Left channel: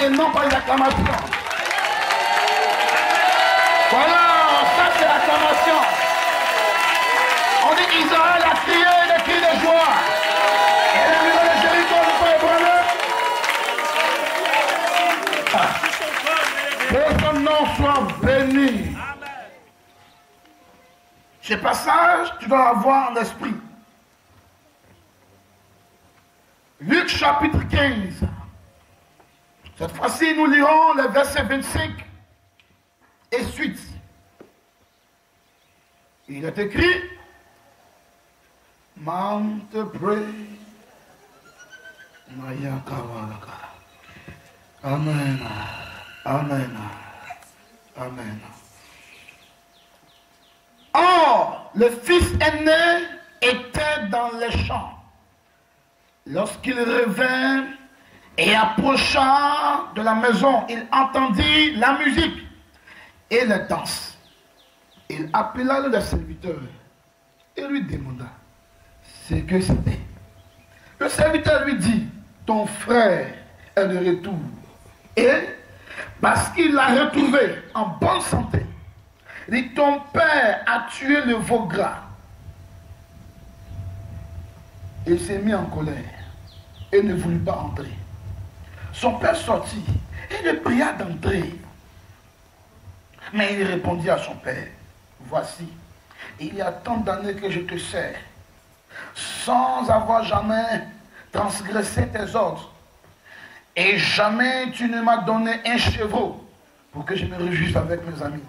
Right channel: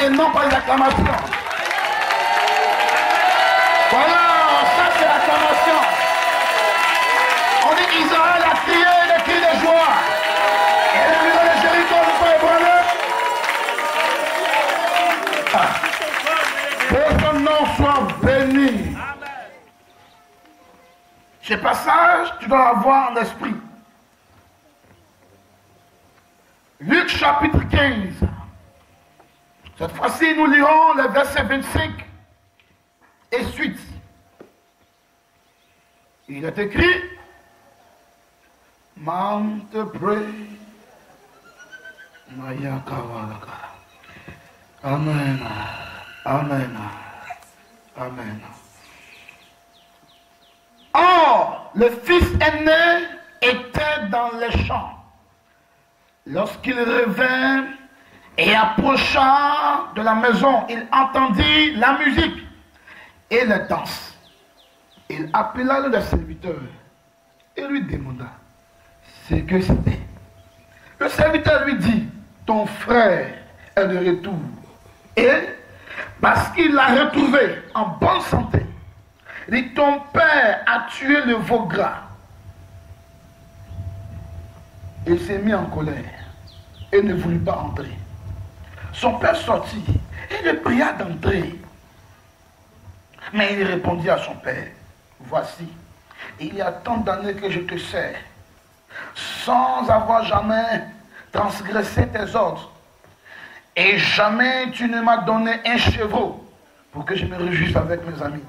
et non pas une acclamation. Voilà, ça c'est l'acclamation. On dit Israël a crié des cris de joie. Et la maison de Jéricho ne peut ébranler. Que son nom soit béni. Ce passage, tu dois l'avoir en esprit. Luc chapitre 15. Cette fois-ci, nous lirons les versets 25 et suite. Il est écrit, Mount pray. Amen. Amen. Amen. Or, le fils aîné était dans les champs. Lorsqu'il revint et approcha de la maison, il entendit la musique et les danses. Il appela le serviteur et lui demanda ce que c'était. Le serviteur lui dit, ton frère est de retour. Et parce qu'il l'a retrouvé en bonne santé, il dit, ton père a tué le veau gras. Il s'est mis en colère et ne voulut pas entrer. Son père sortit et le pria d'entrer. Mais il répondit à son père, voici, il y a tant d'années que je te sers, sans avoir jamais transgressé tes ordres. Et jamais tu ne m'as donné un chevreau pour que je me réjouisse avec mes amis.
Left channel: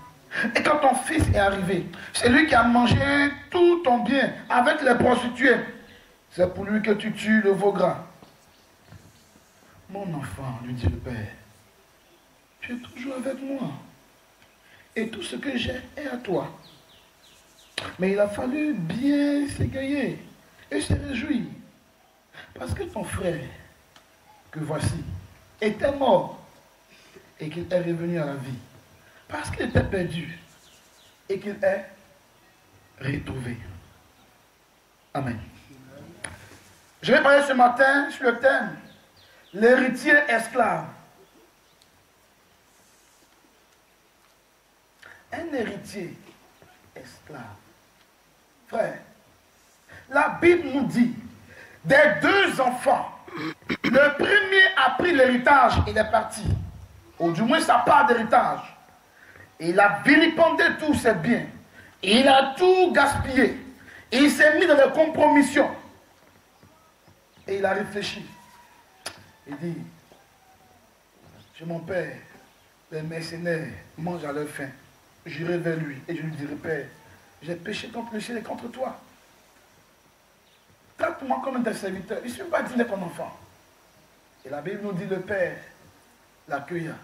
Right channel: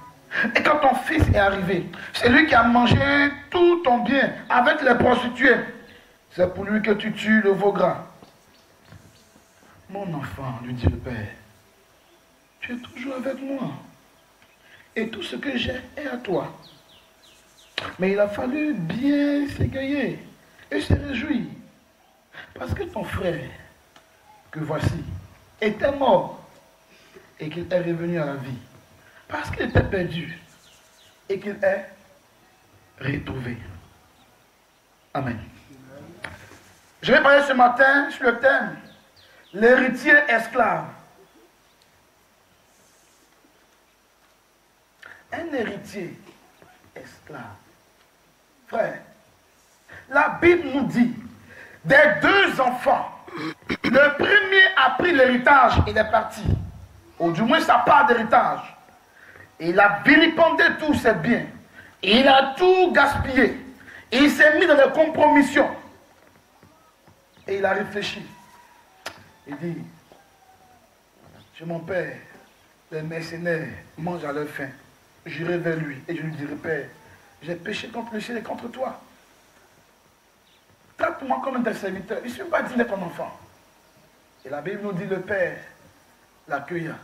Et quand ton fils est arrivé, c'est lui qui a mangé tout ton bien avec les prostituées. C'est pour lui que tu tues le veau gras. Mon enfant, lui dit le père, tu es toujours avec moi. Et tout ce que j'ai est à toi. Mais il a fallu bien s'égayer et se réjouir. Parce que ton frère, que voici, était mort et qu'il est revenu à la vie. Parce qu'il était perdu et qu'il est retrouvé. Amen. Je vais parler ce matin sur le thème l'héritier esclave. Un héritier esclave. Frère, la Bible nous dit, des deux enfants, le premier a pris l'héritage, il est parti. Ou du moins sa part d'héritage. Il a vilipendé tous ses biens. Il a tout gaspillé. Il s'est mis dans des compromissions. Et il a réfléchi. Il dit, chez mon père, les mercenaires mangent à leur faim. J'irai vers lui et je lui dirai, Père, j'ai péché contre le ciel et contre toi. Traite-moi comme un de tes serviteurs. Je ne suis pas digne de ton enfant. Et la Bible nous dit, le Père l'accueilla,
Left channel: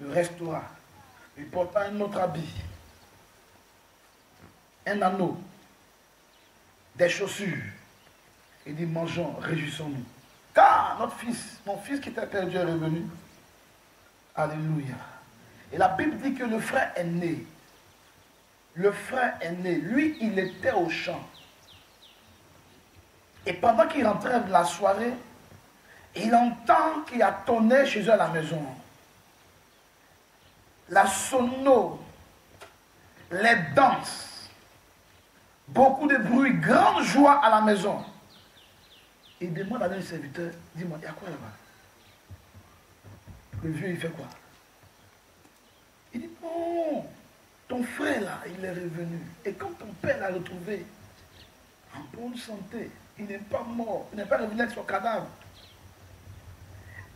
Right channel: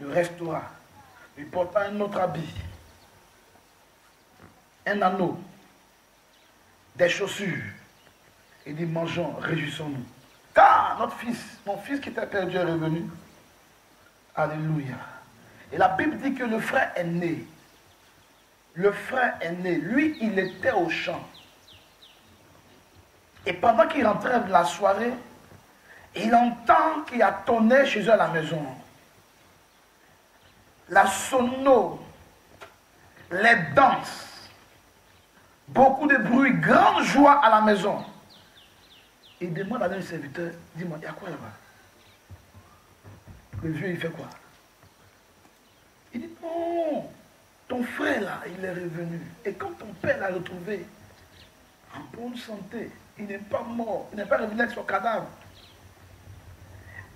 le restaura, lui porta un autre habit, un anneau, des chaussures. Il dit, mangeons, réjouissons-nous. Car notre fils, mon fils qui était perdu est revenu. Alléluia. Et la Bible dit que le frère aîné, lui, il était au champ. Et pendant qu'il rentrait de la soirée, il entend qu'il y a tonnerre chez eux à la maison. La sono, les danses, beaucoup de bruit, grande joie à la maison. Il demande à un serviteur, dis-moi, il y a quoi là-bas? Le vieux, il fait quoi? Il dit, non, ton frère là, il est revenu. Et quand ton père l'a retrouvé, en bonne santé, il n'est pas mort, il n'est pas revenu avec son cadavre.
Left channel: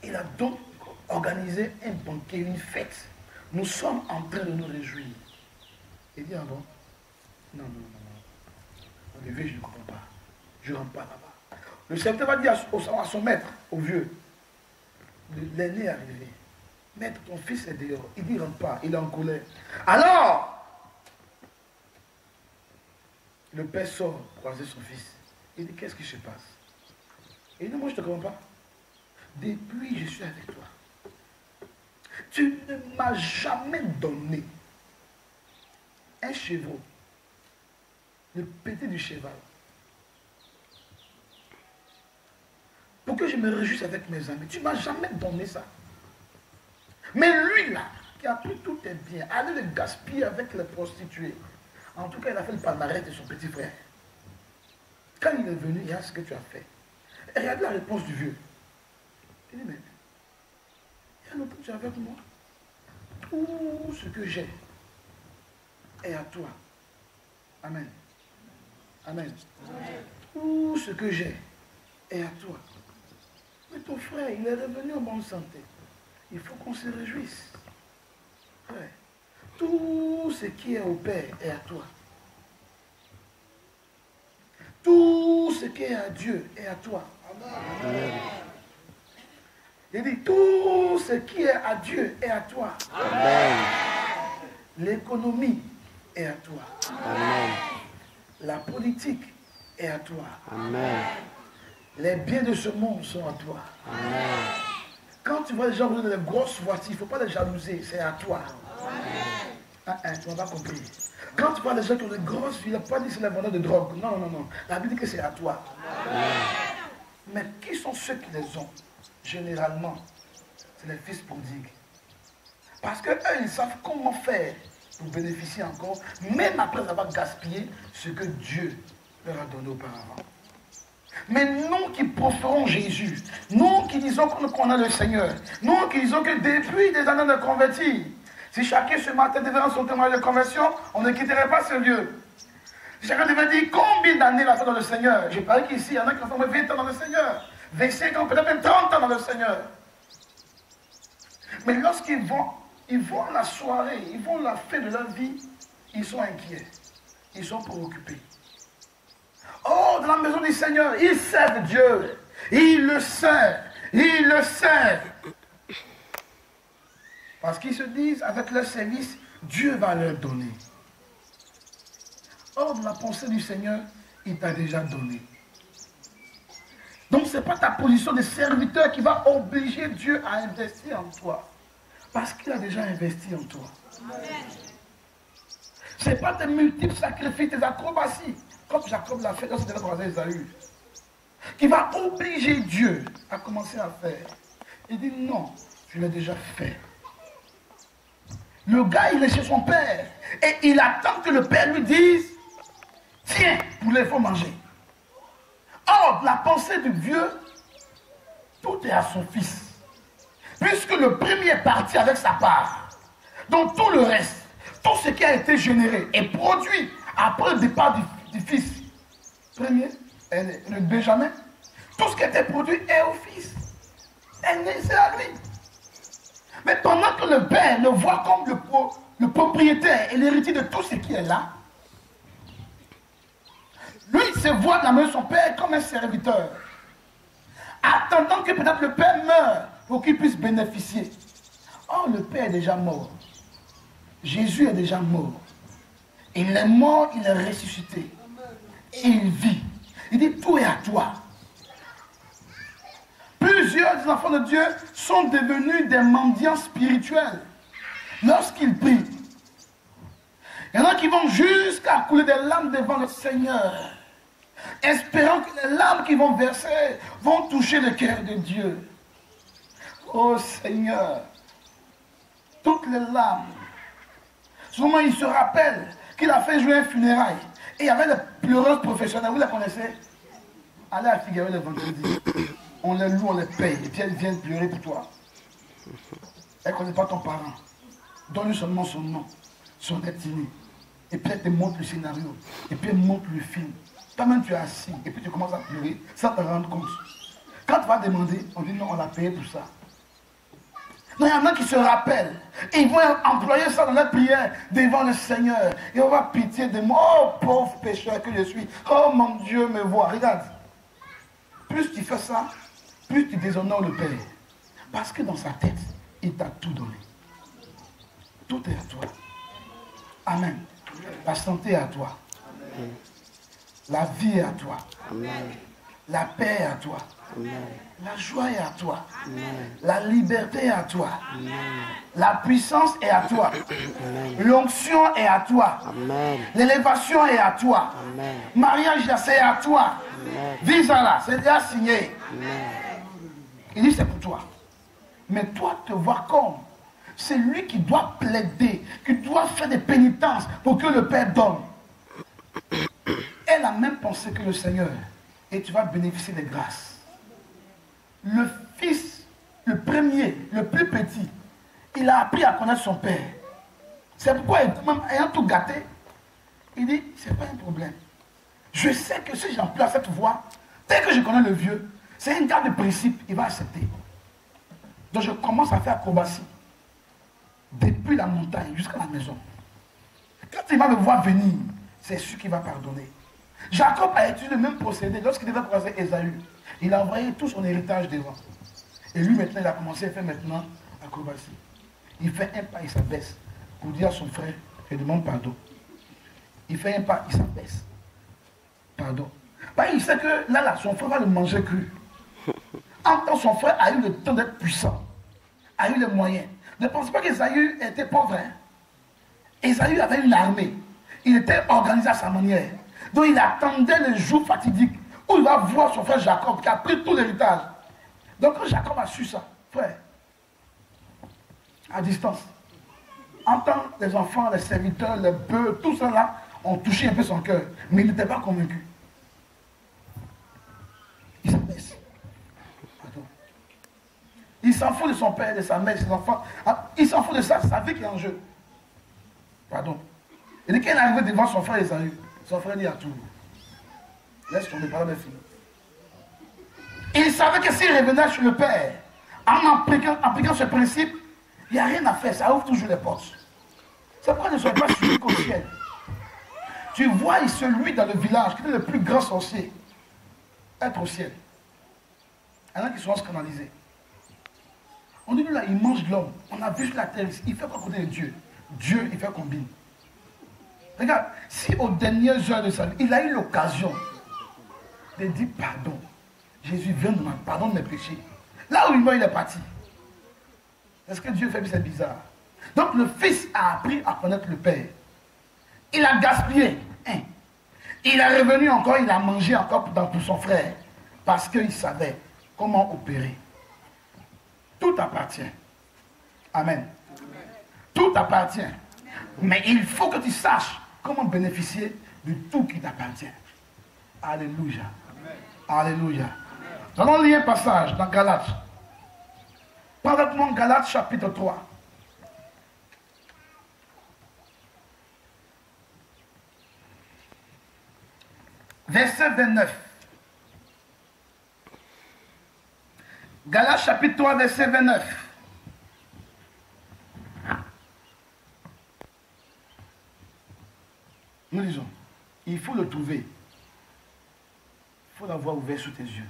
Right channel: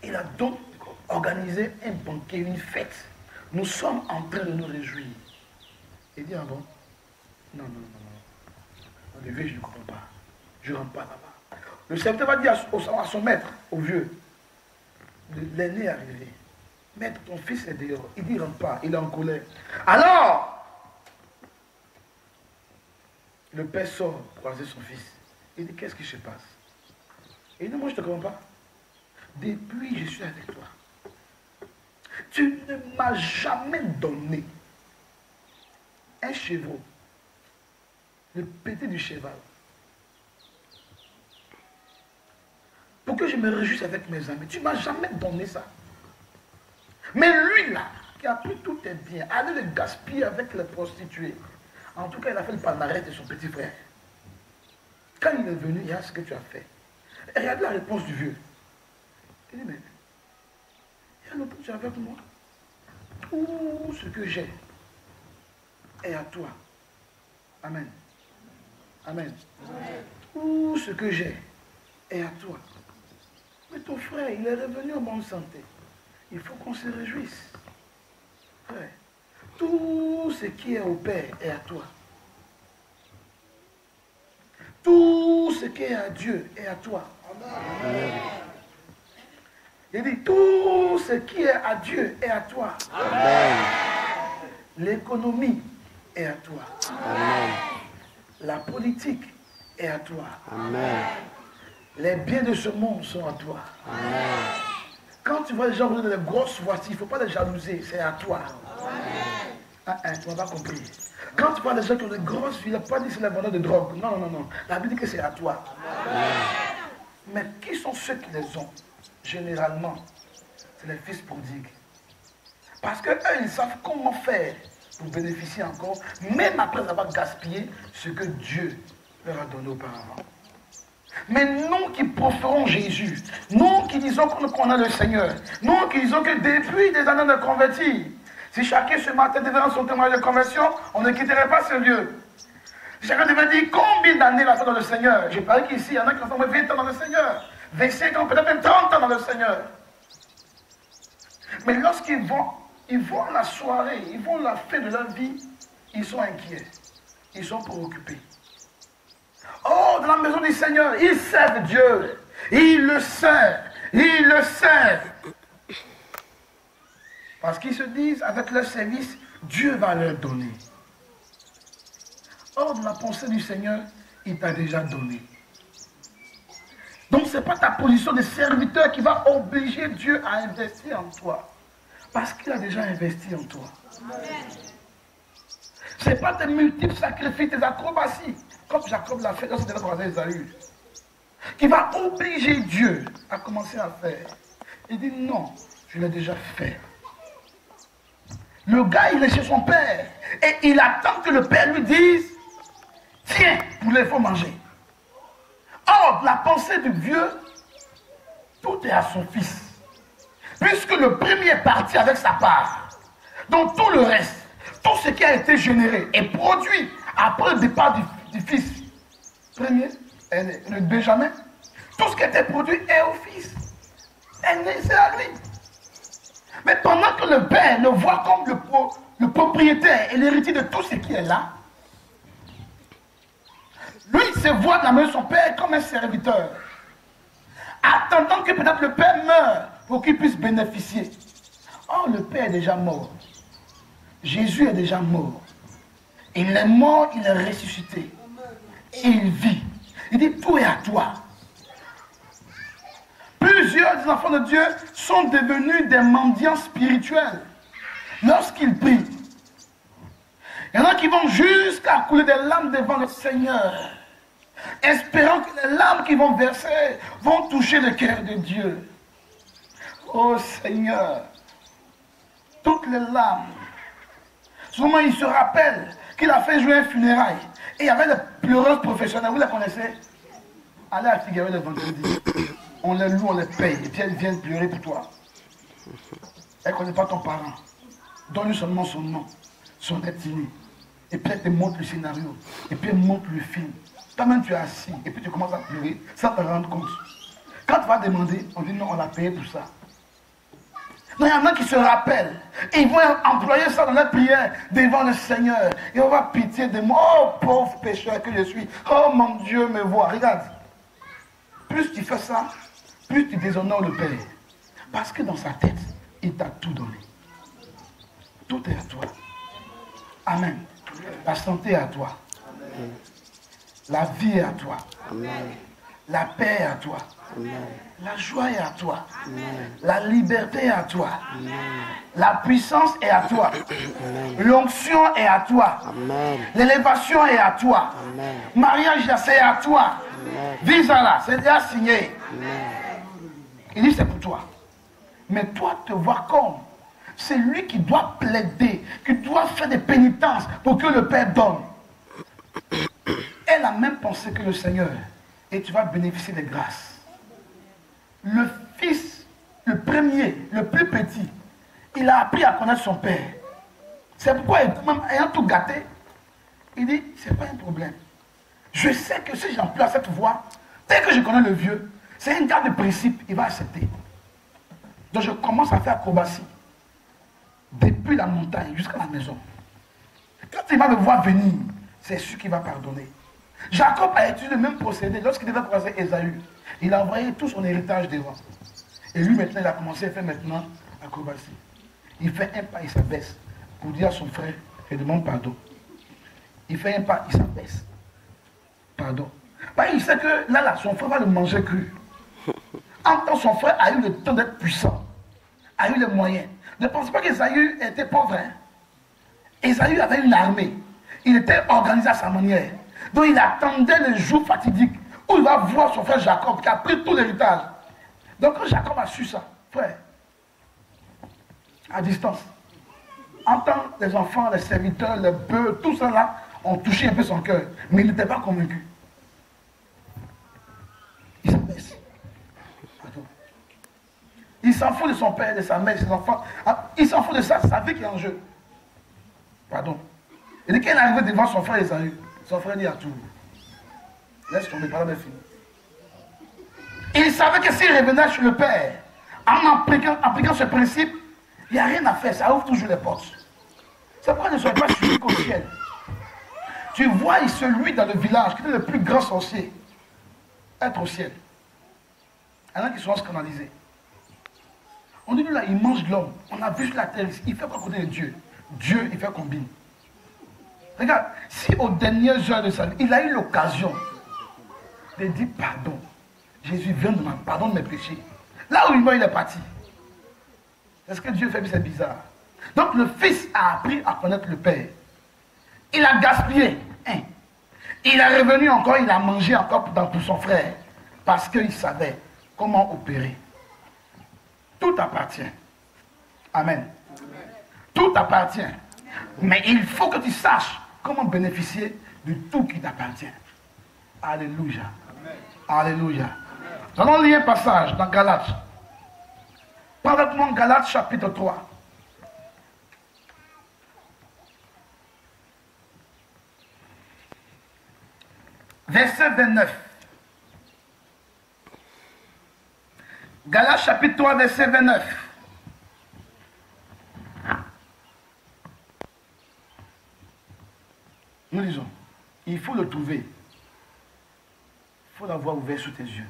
Il a donc organisé un banquet, une fête. Nous sommes en train de nous réjouir. Il dit, ah bon? Non. Le vieux, je ne comprends pas. Je ne rentre pas là-bas. Le serviteur va dire à son maître, au vieux, l'aîné est arrivé. Maître, ton fils est dehors. Il dit, rentre pas, il est en colère. Alors, le père sort croiser son fils. Il dit, qu'est-ce qui se passe? Il dit, moi je ne te comprends pas. Depuis je suis avec toi, tu ne m'as jamais donné un chevreau, le pété du cheval, pour que je me réjouisse avec mes amis. Tu ne m'as jamais donné ça. Mais lui là, qui a pris tous tes biens, allait le gaspiller avec les prostituées. En tout cas, il a fait le palmarès de son petit frère. Quand il est venu, il y a ce que tu as fait. Et regardez la réponse du vieux. Il dit, mais il y a longtemps que tu es avec moi. Tout ce que j'ai est à toi. Amen. Amen. Tout ce que j'ai est à toi. Mais ton frère, il est revenu en bonne santé. Il faut qu'on se réjouisse. Frère, tout ce qui est au Père est à toi. Tout ce qui est à Dieu est à toi. Amen. Il dit, tout ce qui est à Dieu est à toi. Amen. L'économie est à toi. Amen. La politique est à toi. Amen. Les biens de ce monde sont à toi. Amen. Quand tu vois les gens rouler des grosses voitures, il ne faut pas les jalouser, c'est à toi. Amen. Tu n'as pas compris. Quand tu vois les gens qui ont des grosses villes, il n'a pas dit que c'est les vendeurs de drogue. Non, non, non. La Bible dit que c'est à toi. Amen. Mais qui sont ceux qui les ont? Généralement, c'est les fils prodigues. Parce qu'eux, ils savent comment faire pour bénéficier encore, même après avoir gaspillé ce que Dieu leur a donné auparavant. Mais nous qui proférons Jésus, nous qui disons qu'on a le Seigneur, nous qui disons que depuis des années de convertir, si chacun ce matin devait rendre son témoignage de conversion, on ne quitterait pas ce lieu. Si chacun devait dire combien d'années il a fait dans le Seigneur. J'ai parlé qu'ici, il y en a qui ont fait 20 ans dans le Seigneur, 25 ans, peut-être même 30 ans dans le Seigneur. Mais lorsqu'ils vont la soirée, ils vont la fin de leur vie, ils sont inquiets, ils sont préoccupés. Oh, dans la maison du Seigneur, ils servent Dieu, ils le servent, ils le servent. Parce qu'ils se disent, avec leur service, Dieu va leur donner. Or, dans la pensée du Seigneur, il t'a déjà donné. Donc, ce n'est pas ta position de serviteur qui va obliger Dieu à investir en toi. Parce qu'il a déjà investi en toi. Ce n'est pas tes multiples sacrifices, tes acrobaties, comme Jacob l'a fait lorsqu'il était dans Esaü, qui va obliger Dieu à commencer à faire. Il dit non, je l'ai déjà fait. Le gars, il est chez son père et il attend que le père lui dise tiens, poulet, il faut manger. Or, la pensée du vieux, tout est à son fils. Puisque le premier est parti avec sa part, donc tout le reste, tout ce qui a été généré est produit après le départ du fils. Premier, le Benjamin, tout ce qui a été produit est au fils. C'est à lui. Mais pendant que le père le voit comme le propriétaire et l'héritier de tout ce qui est là, lui, il se voit dans la main de son père comme un serviteur, attendant que peut-être le père meure pour qu'il puisse bénéficier. Or, le père est déjà mort. Jésus est déjà mort. Il est mort, il est ressuscité. Et il vit. Il dit, tout est à toi. Plusieurs des enfants de Dieu sont devenus des mendiants spirituels lorsqu'ils prient. Il y en a qui vont jusqu'à couler des larmes devant le Seigneur, espérant que les larmes qu'ils vont verser vont toucher le cœur de Dieu. Oh Seigneur, toutes les larmes. Souvent, il se rappelle qu'il a fait jouer un funérail. Et il y avait des pleureuses professionnelles, vous les connaissez? Allez à Figueroa le vendredi. On les loue, on les paye. Et puis elles viennent pleurer pour toi. Elle ne connaît pas ton parent. Donne-lui seulement son nom, son ethnie. Et puis elle te montre le scénario. Et puis elle montre le film. Toi-même tu es assis. Et puis tu commences à pleurer sans te rendre compte. Quand tu vas demander, on dit non, on l'a payé pour ça. Donc il y en a qui se rappellent. Et ils vont employer ça dans leur prière devant le Seigneur. Et on va avoir pitié de moi. Oh pauvre pécheur que je suis. Oh mon Dieu me voit. Regarde. Plus tu fais ça, plus tu déshonores le Père. Parce que dans sa tête, il t'a tout donné. Tout est à toi. Amen. La santé est à toi. Amen. La vie est à toi. Amen. La paix est à toi. Amen. La joie est à toi. Amen. La liberté est à toi. Amen. La puissance est à toi. L'onction est à toi. L'élévation est à toi. Amen. Mariage, c'est à toi. Visa là, c'est déjà signé. Amen. Il dit c'est pour toi. Mais toi te vois comme c'est lui qui doit plaider, qui doit faire des pénitences pour que le Père donne. Elle a même pensé que le Seigneur, et tu vas bénéficier des grâces. Le fils, le premier, le plus petit, il a appris à connaître son Père. C'est pourquoi, même ayant tout gâté, il dit, c'est pas un problème. Je sais que si j'emploie cette voie, dès que je connais le vieux, c'est un gars de principe, il va accepter. Donc je commence à faire acrobatie. Depuis la montagne jusqu'à la maison. Quand il va me voir venir, c'est sûr qu'il va pardonner. Jacob a utilisé le même procédé lorsqu'il devait croiser Ésaü. Il a envoyé tout son héritage devant. Et lui maintenant, il a commencé à faire maintenant acrobatie. Il fait un pas, il s'abaisse pour dire à son frère, je demande pardon. Il fait un pas, il s'abaisse. Pardon. Bah, il sait que là, son frère va le manger cru. En tant que son frère a eu le temps d'être puissant, a eu les moyens. Ne pense pas qu'Ésaü était pauvre. Hein? Ésaü avait une armée. Il était organisé à sa manière. Donc il attendait le jour fatidique où il va voir son frère Jacob qui a pris tout l'héritage. Donc quand Jacob a su ça, frère, à distance, en tant que les enfants, les serviteurs, les bœufs, tout ça là, ont touché un peu son cœur. Mais il n'était pas convaincu. Il s'abaisse. Il s'en fout de son père, de sa mère, de ses enfants. Il s'en fout de ça, sa vie qui est en jeu. Pardon. Et dès qu'il est arrivé devant son frère Ésaü, son frère dit à tout. Laisse tomber, parole de fille. Il savait que s'il revenait chez le père, en appliquant ce principe, il n'y a rien à faire, ça ouvre toujours les portes. C'est pourquoi ne soyez pas suivis qu'au ciel. Tu vois celui dans le village qui est le plus grand sorcier être au ciel. Il y en a qui sont scandalisés. On dit, lui là, il mange de l'homme. On a vu sur la terre, il fait quoi côté de Dieu? Dieu, il fait combien? Regarde, si aux dernières heures de sa vie, il a eu l'occasion de dire pardon. Jésus, viens de moi, pardonne mes péchés. Là où il meurt, il est parti. Est-ce que Dieu fait? C'est bizarre. Donc le fils a appris à connaître le Père. Il a gaspillé. Hein. Il est revenu encore, il a mangé encore pour son frère. Parce qu'il savait comment opérer. Tout appartient. Amen. Tout appartient. Mais il faut que tu saches comment bénéficier de tout qui t'appartient. Alléluia. Alléluia. Nous allons lire un passage dans Galates. Prends avec moi Galates chapitre 3. Verset 29. Galates chapitre 3, verset 29. Nous lisons. Il faut le trouver. Il faut l'avoir ouvert sous tes yeux.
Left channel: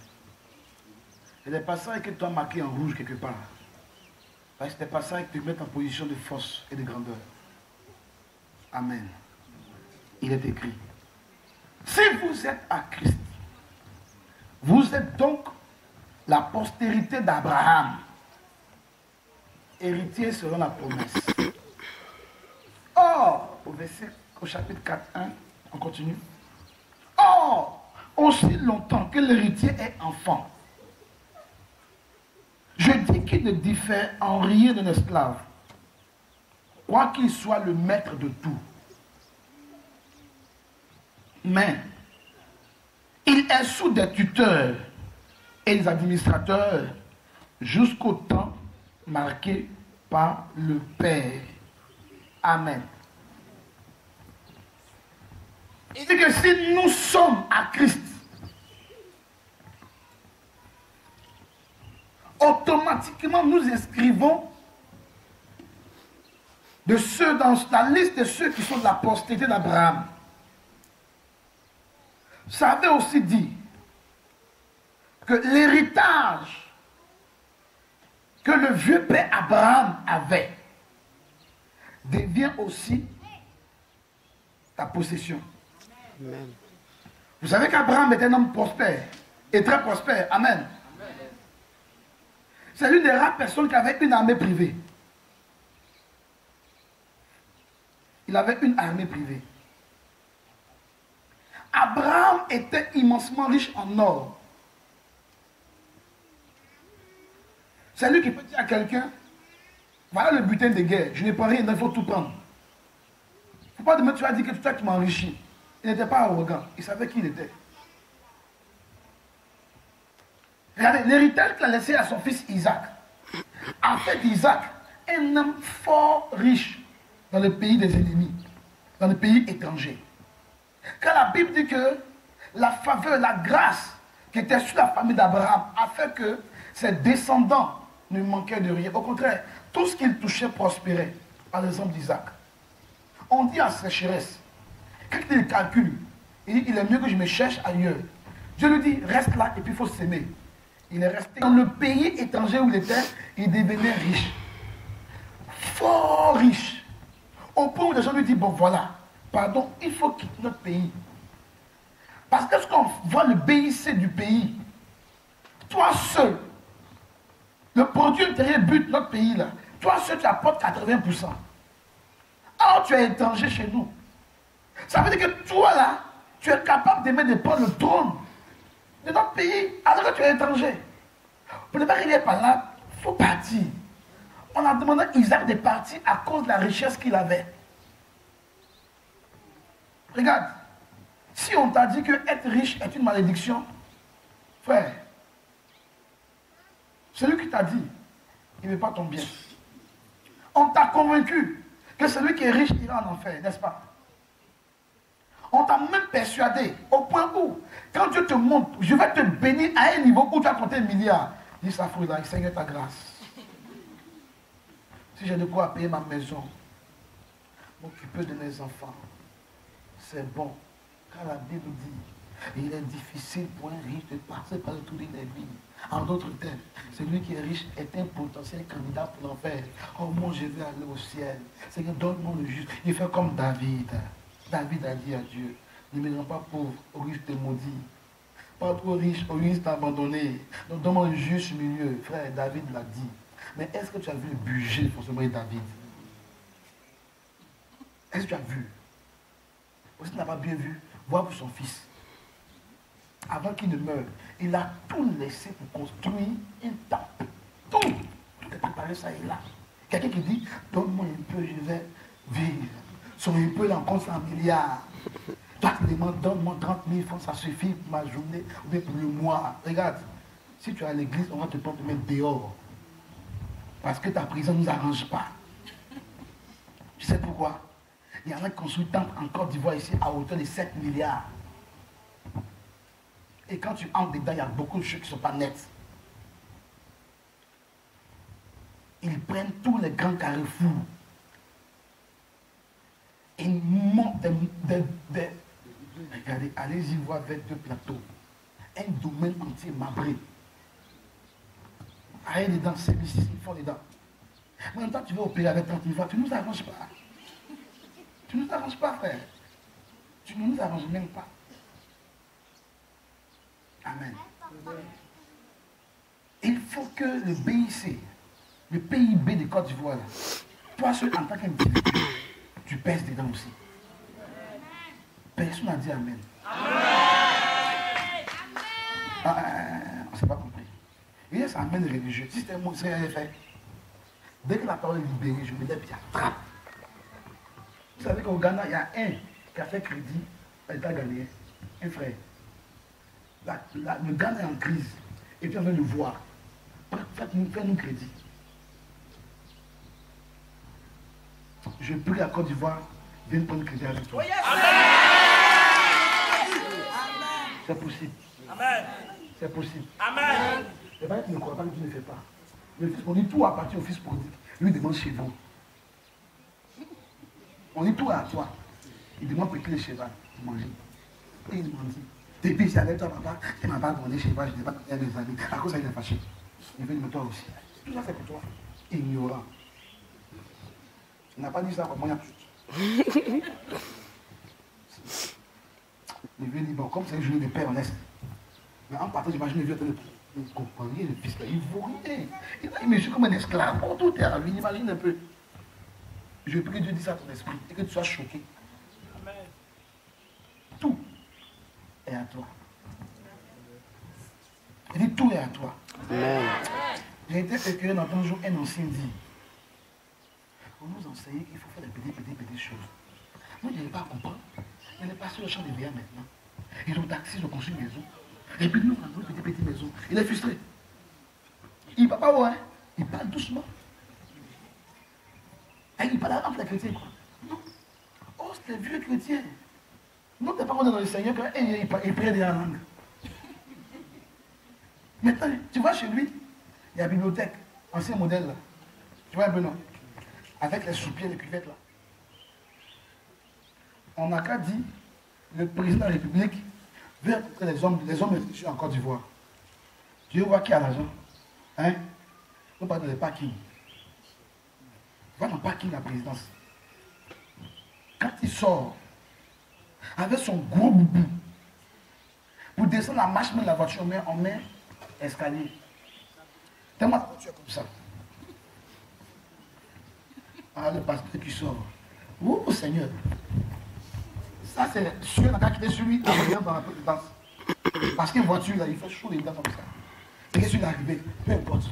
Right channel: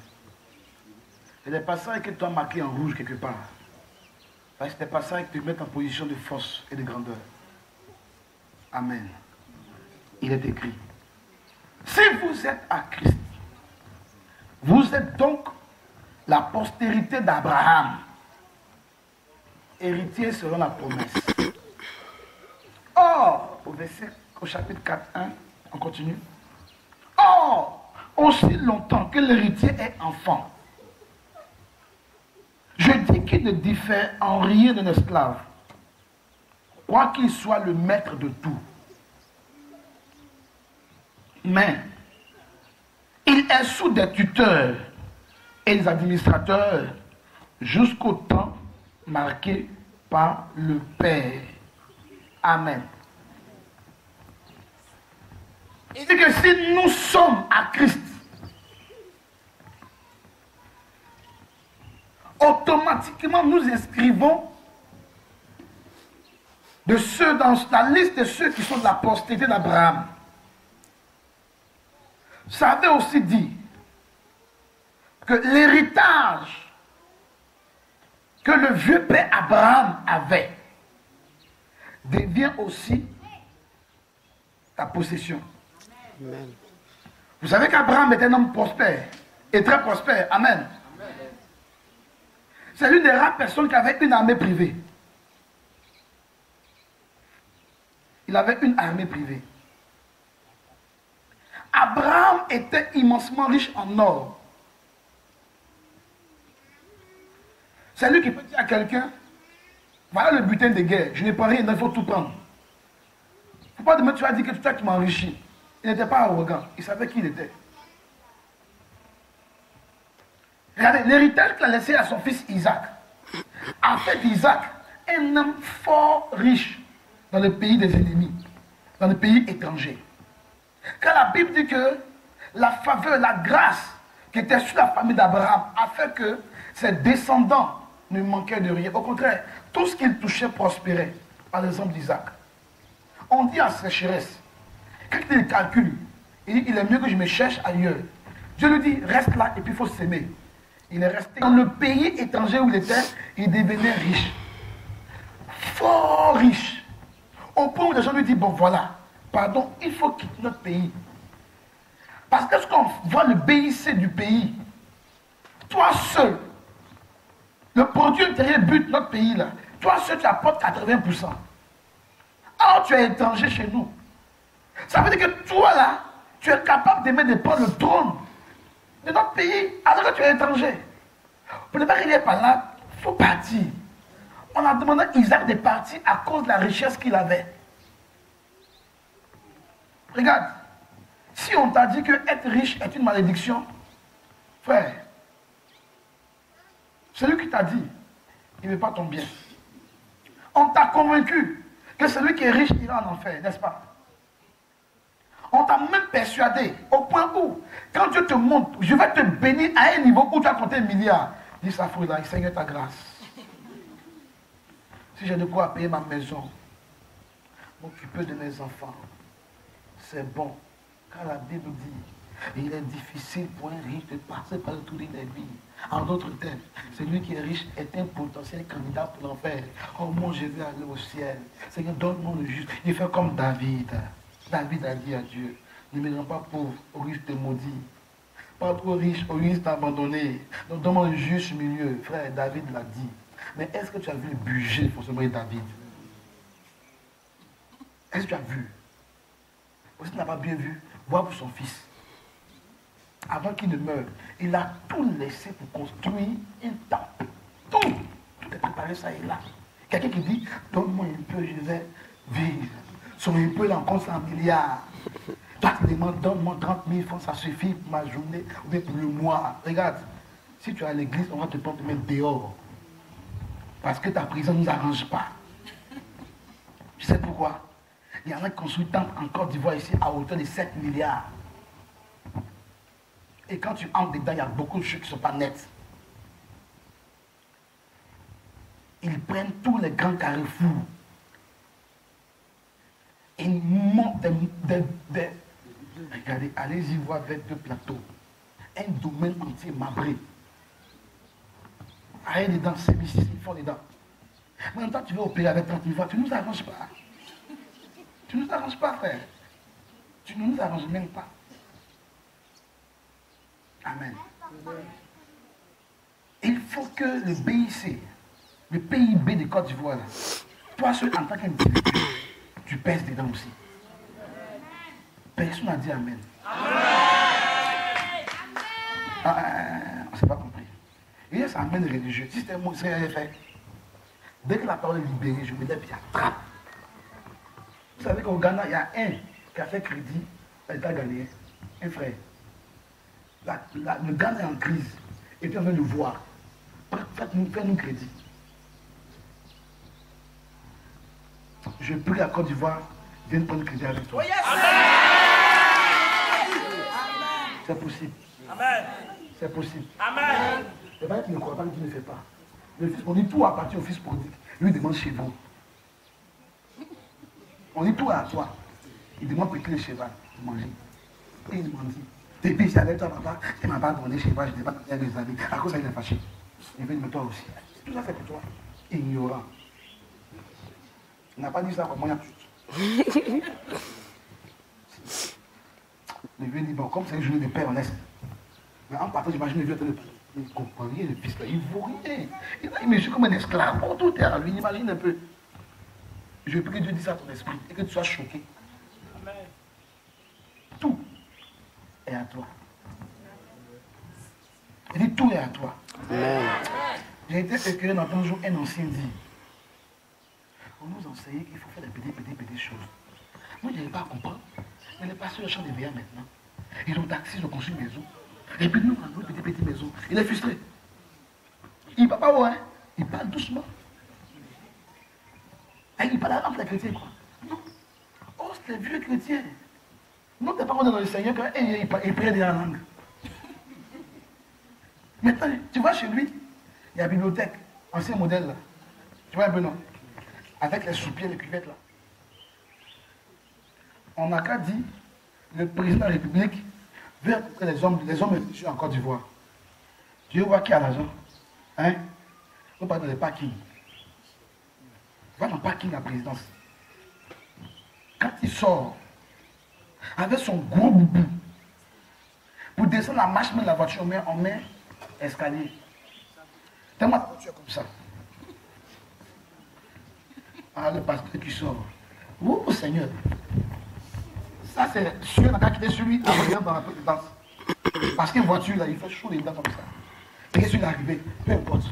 Et les passages que tu as marqués en rouge quelque part. Parce que c'est des passages qui te mettent en position de force et de grandeur. Amen. Il est écrit. Si vous êtes à Christ, vous êtes donc la postérité d'Abraham, héritier selon la promesse. Or, au chapitre 4, 1, on continue. Or, aussi longtemps que l'héritier est enfant, je dis qu'il ne diffère en rien d'un esclave, quoiqu'il soit le maître de tout. Mais il est sous des tuteurs et des administrateurs jusqu'au temps marqué par le Père. Amen. Il dit que si nous sommes à Christ, automatiquement nous inscrivons de ceux dans la liste de ceux qui sont de la postérité d'Abraham. Ça avait aussi dit que l'héritage que le vieux père Abraham avait devient aussi ta possession. Amen. Vous savez qu'Abraham était un homme prospère et très prospère. Amen. C'est l'une des rares personnes qui avait une armée privée. Il avait une armée privée. Abraham était immensement riche en or. C'est lui qui peut dire à quelqu'un, Voilà le butin de guerre. Je n'ai pas rien, il faut tout prendre. Il ne faut pas demain tu vas dire que c'est toi qui m'as enrichi. Il n'était pas arrogant. Il savait qui il était. Regardez, l'héritage qu'il a laissé à son fils Isaac a fait d'Isaac un homme fort riche dans le pays des ennemis, dans le pays étranger. Car la Bible dit que la faveur, la grâce qui était sur la famille d'Abraham a fait que ses descendants ne manquaient de rien. Au contraire, tout ce qu'il touchait prospérait, par l'exemple d'Isaac. On dit à sécheresse, quand il calcule, il dit, il est mieux que je me cherche ailleurs. Dieu lui dit, reste là et puis il faut s'aimer. Il est resté dans le pays étranger où il était, il devenait riche. Fort riche. Au point où les gens lui disent, bon voilà, pardon, il faut quitter notre pays. Parce que lorsqu'on voit le BIC du pays, toi seul, le produit intérieur brut de notre pays là, toi seul tu apportes 80%. Alors tu es étranger chez nous. Ça veut dire que toi là, tu es capable de prendre le trône de notre pays alors que tu es étranger. Pour ne pas qu'il n'est pas là, il faut partir. On a demandé à Isaac de partir à cause de la richesse qu'il avait. Regarde, si on t'a dit que être riche est une malédiction, frère, celui qui t'a dit, il ne veut pas ton bien. On t'a convaincu que celui qui est riche ira en enfer, n'est-ce pas? On t'a même persuadé au point où, quand Dieu te montre, je vais te bénir à un niveau où tu as compté 1 milliard. Dis ça, frère, Seigneur, ta grâce. Si j'ai de quoi payer ma maison, m'occuper de mes enfants, c'est bon. Car la Bible dit, il est difficile pour un riche de passer par le tour des vies. En d'autres termes, celui qui est riche est un potentiel candidat pour l'enfer. Oh mon, je vais aller au ciel. Seigneur, donne-moi le juste. Il fait comme David. David a dit à Dieu, ne me rends pas pauvre, au risque de maudit. Pas trop riche, au risque d'abandonner. Donc donne-moi le juste milieu. Frère, David l'a dit. Mais est-ce que tu as vu le budget pour ce de David? Est-ce que tu as vu? Ou si tu n'as pas bien vu, vois pour son fils. Avant qu'il ne meure, il a tout laissé pour construire une temple. Tout est préparé, ça est là. Quelqu'un qui dit, donne-moi un peu, je vais vivre. Son un peu, là, on compte 100 milliards. Toi, tu demandes, donne-moi 30 000 francs, ça suffit pour ma journée, ou bien pour le mois. Regarde, si tu es à l'église, on va te prendre te mettre dehors. Parce que ta prison ne nous arrange pas. Tu sais pourquoi? Il y en a qui construisent temple en Côte d'Ivoire ici à hauteur de 7 milliards. Et quand tu entres dedans, il y a beaucoup de choses qui ne sont pas nettes. Ils prennent tous les grands carrefours. Et ils montent des regardez, allez-y voir avec 2 plateaux. Un domaine entier marbré. Allez dedans, c'est ici, ils font dedans. Mais en même temps, tu veux opérer avec 30 000 fois, tu ne nous arranges pas. Tu ne nous arranges pas, frère. Tu ne nous arranges même pas. Amen. Il faut que le BIC, le PIB de Côte d'Ivoire, toi seul en tant qu'individu, tu pèses dedans aussi. Personne n'a dit Amen. On ne s'est pas compris. Il y a ça Amen religieux. Si c'était moi, ce que j'avais fait. Dès que la parole est libérée, je me dis, puis j'attrape. Vous savez qu'au Ghana, il y a un qui a fait crédit à l'État ghanéen. Un frère. Le Ghana est en crise. Et puis on veut le voir. Faites-nous crédit. Je prie à Côte d'Ivoire, viens prendre crédit avec toi. C'est possible. Amen. C'est possible. Amen. Le père qui ne croit pas, qui ne fait pas. Le fils, on dit tout appartient au fils prodigue. Lui demande chez vous. On dit tout à toi. Il demande piquer le cheval pour manger. Et il demande dit, depuis c'est avec toi papa, il ne m'a pas donné chez moi, je n'ai pas donné des amis. À cause ça, il est fâché. Il veut de toi aussi. Tout ça c'est pour toi. Ignorant. Il n'a pas dit ça pour moi. Il veut dire, bon, comme c'est une journée de paix, on laisse. Mais en partant, j'imagine le vieux de il ne comprend rien, le fils là, il ne vaut rien. Il me suit comme un esclave. Oh, tout est à lui, imagine un peu. Je prie que Dieu dise ça à ton esprit et que tu sois choqué. Amen. Tout est à toi. Il dit tout est à toi. Amen. J'ai été éclairé dans un jour, un ancien dit, On nous enseigne qu'il faut faire des petites choses. Moi, je n'arrive pas à comprendre. Mais les pasteurs chantent des veillants maintenant. Ils ont taxi, ils ont construit une maison. Et puis nous, on a une petite maison. Il est frustré. Il ne parle pas haut, hein. Il parle doucement. Et il parle entre les chrétiens, quoi. Non. Oh, c'est les vieux chrétiens. Non, tu n'es pas dans le Seigneur quand il prie dans la langue. Maintenant, tu vois chez lui, il y a la bibliothèque, ancien modèle là. Tu vois un peu, non? Avec les soupiers, les cuvettes là. On n'a qu'à dire, le président de la République veut rencontrer les hommes en Côte d'Ivoire. Tu veux voir qui a l'argent? Hein? On parle dans les parkings. Va dans le parking de la présidence. Quand il sort, avec son gros boubou, pour descendre la marche de la voiture, on met escalier. Tellement la voiture comme ça. Ah, le pasteur qui sort. Oh Seigneur. Ça, c'est celui qui a quitté celui qui est dans la présidence. Parce qu'une voiture, là, il fait chaud les dents comme ça. Et que celui qui est arrivé, peu importe.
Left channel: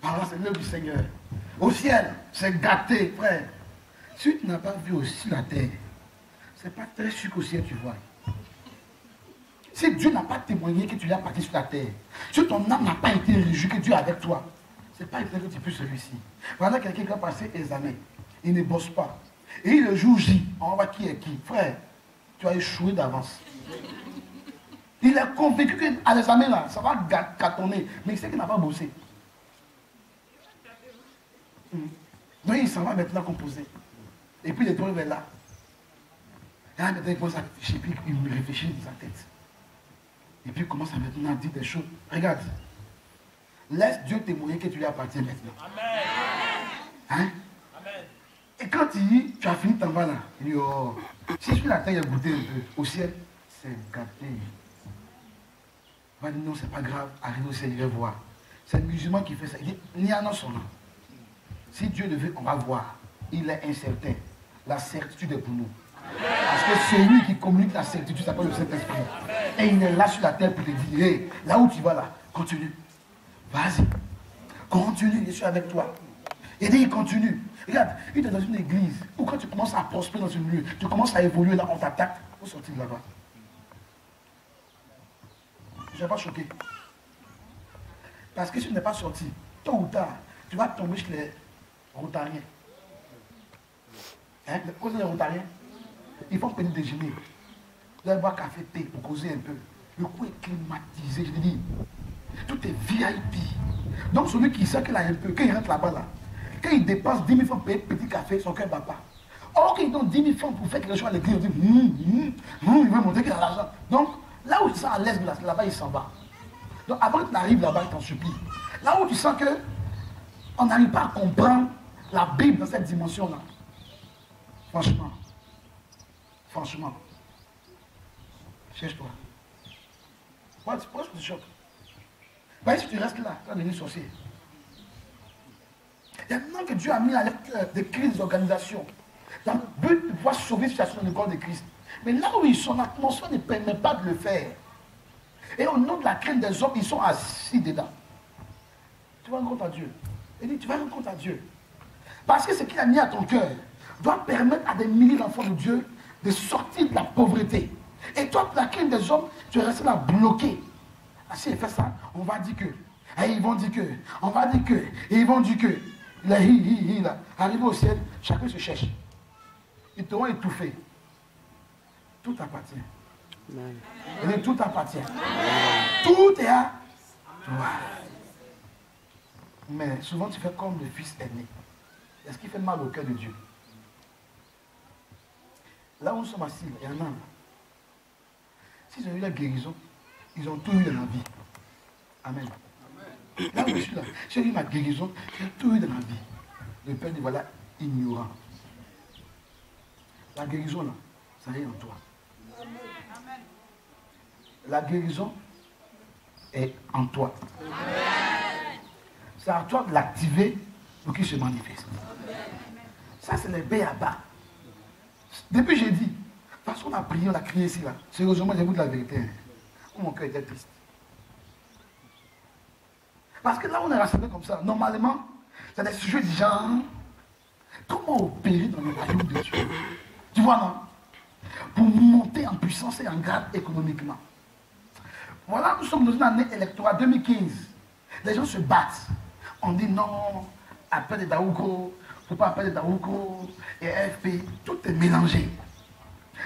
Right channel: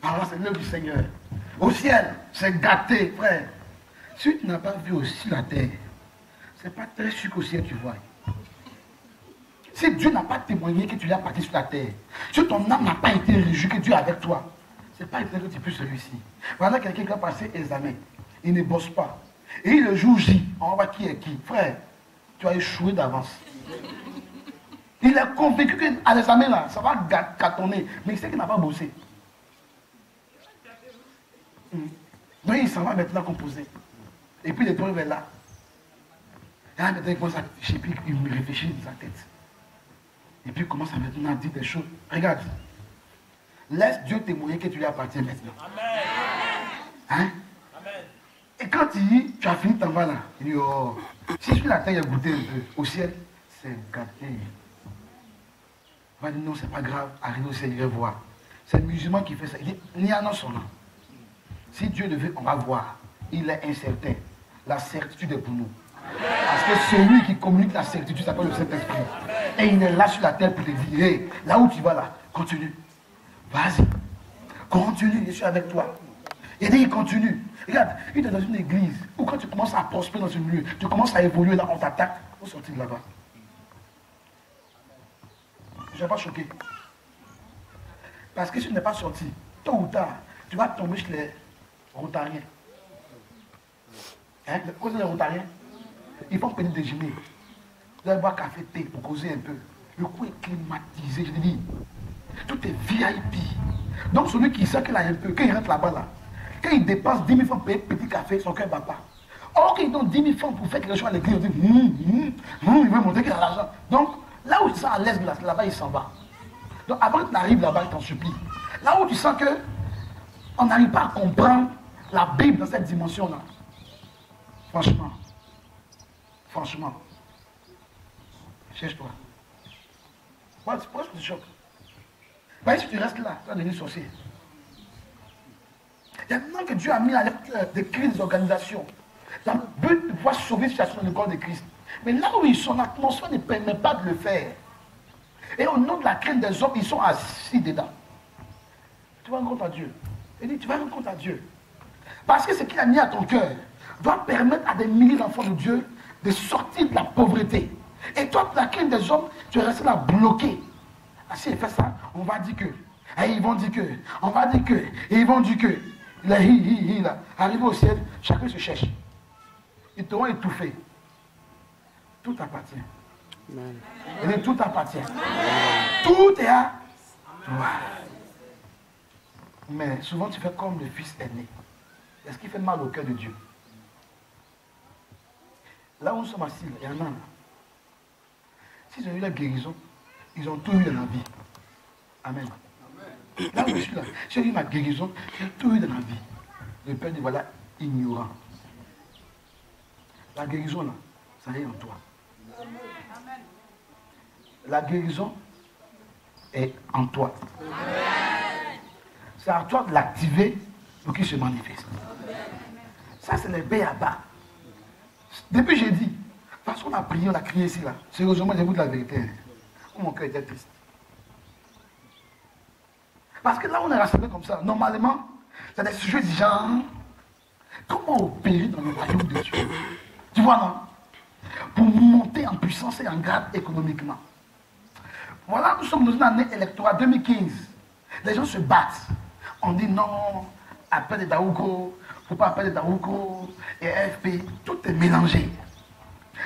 Alors, c'est l'œuvre du Seigneur. Au ciel, c'est gâté, frère. Si tu n'as pas vu aussi la terre, c'est pas très sûr qu'au ciel tu vois. Si Dieu n'a pas témoigné que tu l'as parti sur la terre, si ton âme n'a pas été réjouie que Dieu est avec toi, c'est pas étonnant que tu puisses réussir. Voilà quelqu'un qui a passé examen, il ne bosse pas. Et le jour J, on voit qui est qui. Frère, tu as échoué d'avance. Il est convaincu qu'à l'examen là, ça va cartonner, mais il sait qu'il n'a pas bossé. Donc il s'en va maintenant composer. Et puis il est tombé vers là. Et là maintenant il commence à réfléchir, puis il réfléchit dans sa tête. Et puis il commence à maintenant dire des choses. Regarde. Laisse Dieu témoigner que tu lui appartiens maintenant. Amen. Hein? Amen. Et quand il dit, tu as fini ton va là, il dit, oh, si sur la terre il a goûté un peu, au ciel, c'est gâté. On va dire, non, c'est pas grave, arrive au ciel, il va voir. C'est le musulman qui fait ça. Il dit, ni à non son nom. Si Dieu le veut, on va voir. Il est incertain. La certitude est pour nous. Parce que celui qui communique la certitude s'appelle le Saint-Esprit. Et il est là sur la terre pour te dire, hey, là où tu vas là, continue. Vas-y. Continue, je suis avec toi. Et dit, il continue. Regarde, il est dans une église où quand tu commences à prospérer dans un lieu, tu commences à évoluer là, on t'attaque, il faut sortir de là-bas. Je ne vais pas choquer. Parce que si tu n'es pas sorti, tôt ou tard, tu vas tomber chez les Rotariens. Hein? Les Rotariens, ils font petit déjeuner. Vous allez boire café, thé pour causer un peu. Le coup est climatisé, je dis. Tout est VIP. Donc celui qui sait qu'il a un peu, quand il rentre là-bas, là, quand il dépense 10 000 francs pour payer petit café, son cœur ne bat pas. Or qu'il donne 10 000 francs pour faire quelque chose à l'église, il dit, il veut montrer qu'il a l'argent. Donc là où tu sens à l'aise, là-bas, il s'en va. Donc avant que tu arrives là-bas, il t'en supplie. Là où tu sens que on n'arrive pas à comprendre la Bible dans cette dimension-là. Franchement, cherche-toi. Pourquoi tu te choques? Bah, si tu restes là, tu vas devenir sorcier. Il y a maintenant que Dieu a mis à l'œuvre des crises des organisations dans le but de pouvoir sauver la situation dans le corps de Christ. Mais là où ils sont, l'atmosphère ne permet pas de le faire. Et au nom de la crainte des hommes, ils sont assis dedans. Tu vas rendre compte à Dieu. Il dit, tu vas rendre compte à Dieu. Parce que ce qu'il a mis à ton cœur doit permettre à des milliers d'enfants de Dieu de sortir de la pauvreté. Et toi, pour la crainte des hommes, tu es resté là bloqué. Ah, si il fait ça, on va dire que. Et ils vont dire que. On va dire que. Et ils vont dire que. Là, là. Arrivé au ciel, chacun se cherche. Ils t'auront étouffé. Tout appartient. Et tout appartient. Tout est à toi. Mais souvent tu fais comme le fils aîné. Est-ce qu'il fait mal au cœur de Dieu? Là où nous sommes assis, il y en a. S'ils ont eu la guérison, ils ont tout eu dans la vie. Amen. Là où je suis là, j'ai eu ma guérison, j'ai tout eu dans la vie. Le Père dit, voilà, ignorant. La guérison là, ça est en toi. La guérison est en toi. C'est à toi de l'activer pour qu'il se manifeste. Ça, c'est le béaba. Depuis j'ai dit, parce qu'on a prié, on a crié ici là. Sérieusement, j'écoute la vérité. Mon cœur était triste. Parce que là, on est rassemblés comme ça. Normalement, C'est des sujets du genre, comment opérer dans le royaume de Dieu? Tu vois, non? Pour monter en puissance et en grade économiquement. Voilà, nous sommes dans une année électorale 2015. Les gens se battent. On dit non, appel de Daouko, il ne faut pas appeler Daouko, et FP, tout est mélangé.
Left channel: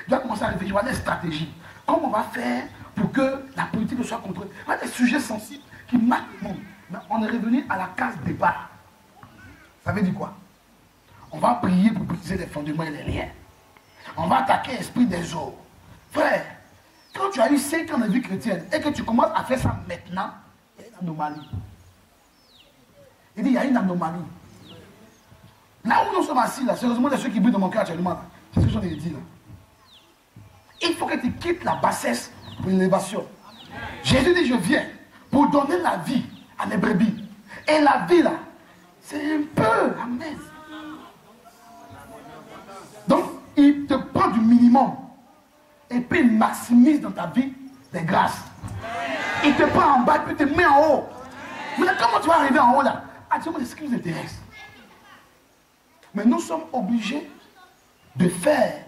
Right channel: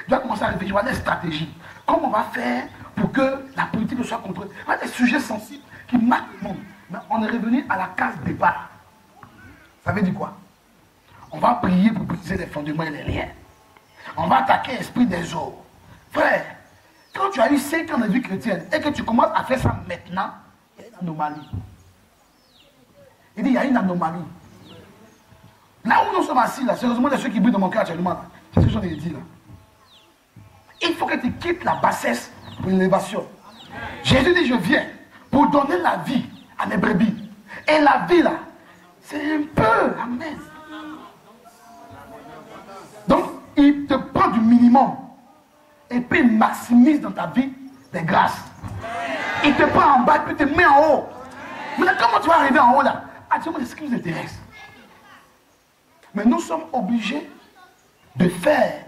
Je dois commencer à réfléchir à des stratégies. Comment on va faire pour que la politique soit contrôlée? Il y a des sujets sensibles qui marquent le monde. Mais on est revenu à la case départ. Ça veut dire quoi? On va prier pour briser les fondements et les liens. On va attaquer l'esprit des eaux. Frère, quand tu as eu 5 ans de vie chrétienne et que tu commences à faire ça maintenant, il y a une anomalie. Il dit, il y a une anomalie. Là où nous sommes assis, là, sérieusement, de ceux qui brillent dans mon cœur actuellement, là, c'est ce que je viens de dire là. Il faut que tu quittes la bassesse pour l'élévation. Jésus dit, je viens pour donner la vie à mes brebis. Et la vie, là, c'est un peu. Amen. Donc, il te prend du minimum. Et puis, il maximise dans ta vie des grâces. Il te prend en bas, puis il te met en haut. Maintenant, comment tu vas arriver en haut, là? Actuellement, c'est ce qui nous intéresse. Mais nous sommes obligés de faire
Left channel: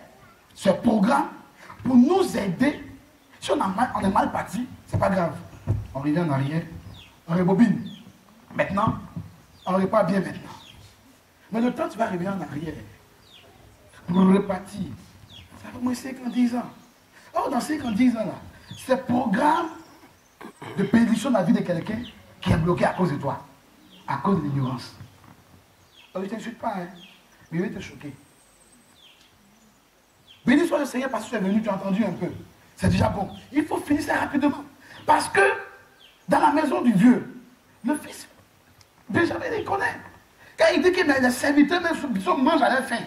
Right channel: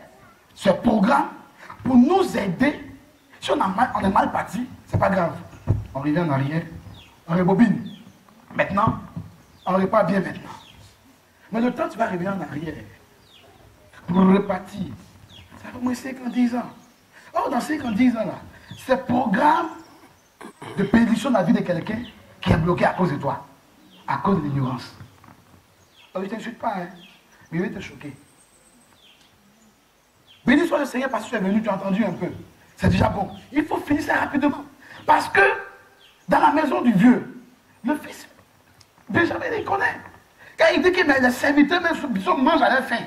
ce programme pour nous aider. Si on est mal parti, c'est pas grave. On revient en arrière, on rebobine. Maintenant, on repart bien maintenant. Mais le temps, tu vas revenir en arrière pour repartir. Ça va au moins 50 ans. Oh, dans 50 ans, là, ce programme de bénédiction de la vie de quelqu'un qui est bloqué à cause de toi, à cause de l'ignorance. Oh, je ne t'insulte pas, hein, mais je vais te choquer. Béni soit le Seigneur parce que tu es venu, tu as entendu un peu. C'est déjà bon. Il faut finir ça rapidement. Parce que dans la maison du vieux, le fils, Benjamin, il connaît. Quand il dit que les serviteurs même mangent à leur faim,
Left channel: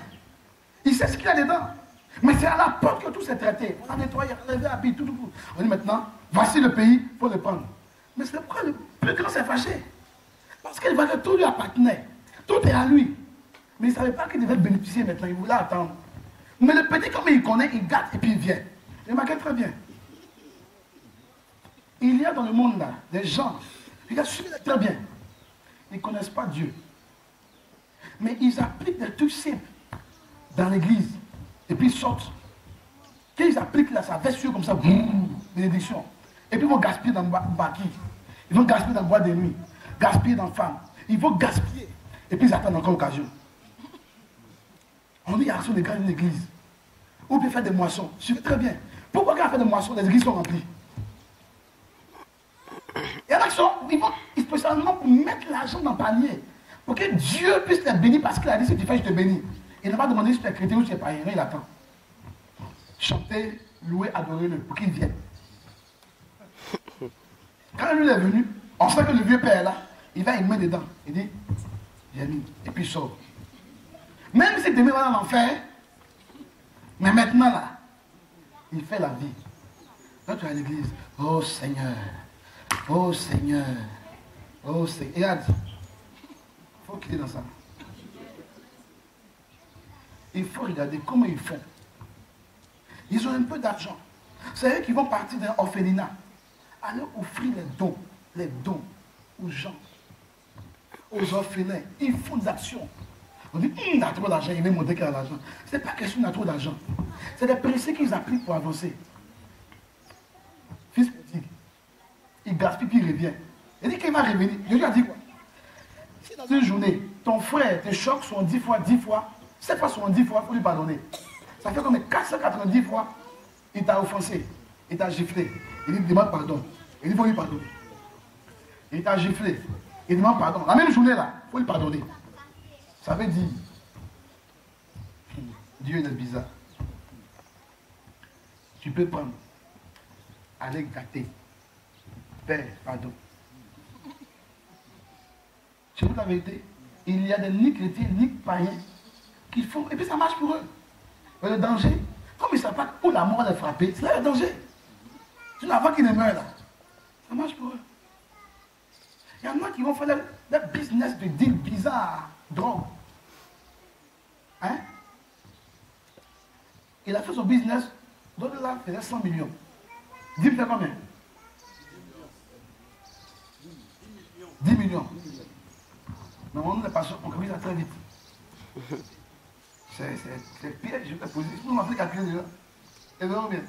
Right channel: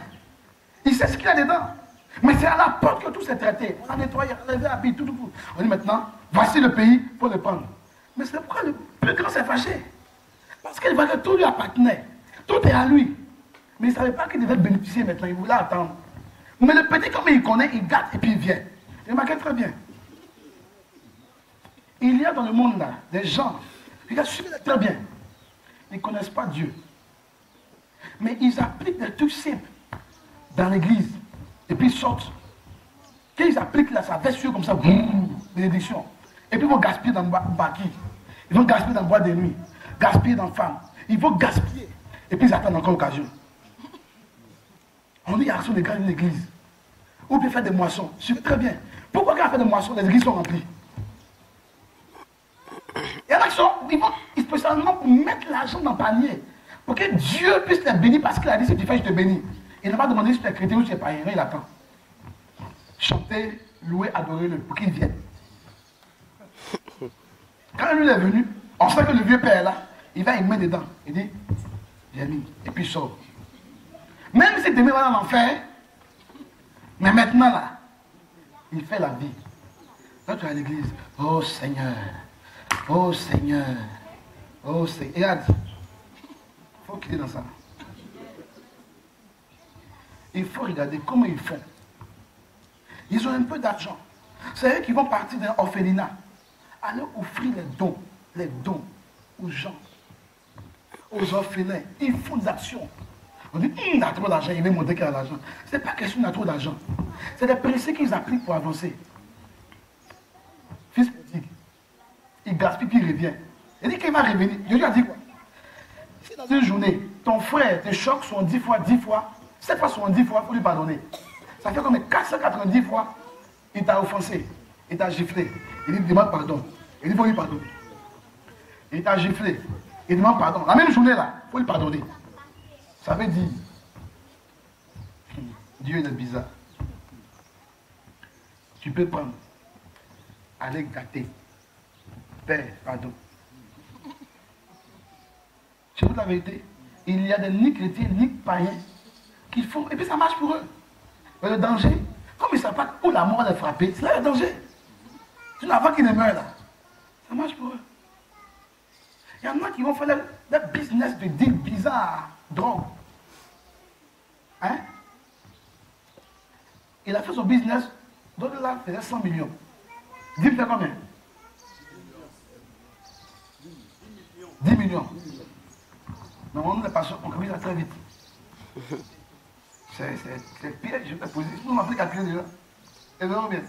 il sait ce qu'il y a dedans. Mais c'est à la porte que tout s'est traité. On a nettoyé, on a levé la bille, tout. On dit maintenant, voici le pays, il faut le prendre. Mais c'est pourquoi le plus grand s'est fâché. Parce qu'il voit que tout lui appartenait. Tout est à lui. Mais il ne savait pas qu'il devait bénéficier maintenant. Il voulait attendre. Mais le petit, comme il connaît, il gâte et puis il vient. Il remarqué très bien. Il y a dans le monde là des gens, regarde, suivez-les très bien. Ils ne connaissent pas Dieu. Mais ils appliquent des trucs simples dans l'église. Et puis ils sortent. Quand ils appliquent là, ça veste sur comme ça, bénédiction. Et puis ils vont gaspiller dans le bâti. Ils vont gaspiller dans le bois de nuit. Gaspiller dans la femme. Ils vont gaspiller. Et puis ils attendent encore l'occasion. On dit, il y a des grandes églises. Ou bien faire des moissons. Suivez très bien. Pourquoi quand on fait des moissons, les églises sont remplies? Il y en a qui sont, ils vont spécialement pour mettre l'argent dans le panier. Pour que Dieu puisse les bénir parce qu'il a dit, si tu fais, je te bénis. Il n'a pas demandé si tu es chrétien ou si tu es païen. Il attend. Chanter, louer, adorer-le pour qu'il vienne. Quand lui est venu, on sait que le vieux père là, il va y mettre dedans. Il dit, j'ai mis. Et puis il sort. Même si demain va dans l'enfer, mais maintenant là, il fait la vie. Quand tu es à l'église, oh Seigneur, oh Seigneur, oh Seigneur. Regarde, il faut quitter dans ça. Il faut regarder comment ils font. Ils ont un peu d'argent. C'est eux qui vont partir d'un orphelinat. Aller offrir les dons aux gens, aux orphelins. Ils font des actions. On dit, il a trop d'argent, il veut montrer qu'il a l'argent. Ce n'est pas question qu'il a trop d'argent. C'est des principes qu'ils appliquent pour avancer. Fils petit, il gaspille puis il revient. Il dit qu'il va revenir. Je lui ai dit quoi? Si dans une journée, ton frère te choque 10 fois, 7 fois 10 fois, il faut lui pardonner. Ça fait comme 490 fois, il t'a offensé, il t'a giflé. Il dit, demande pardon. Il dit, il faut lui pardonner. Il t'a giflé, il demande pardon. La même journée là, il faut lui pardonner. Ça veut dire, Dieu est bizarre. Tu peux prendre, aller gâter, Père, pardon. Je vous dis la vérité, il y a des ni chrétiens, ni païens qui font, et puis ça marche pour eux. Mais le danger, comme ils ne savent pas où la mort est frappée, c'est là le danger. C'est avant qu'ils ne meurent là. Ça marche pour eux. Il y en a qui vont faire des business de deal bizarres, drogue. Hein? Il a fait son business, d'autres là faisaient 100 millions. Dis fait combien? 10 millions. Non, on est pas sûr, on commence ça très vite. C'est pire, je vais te poser. Nous, on a fait calculer déjà. Et vraiment bien.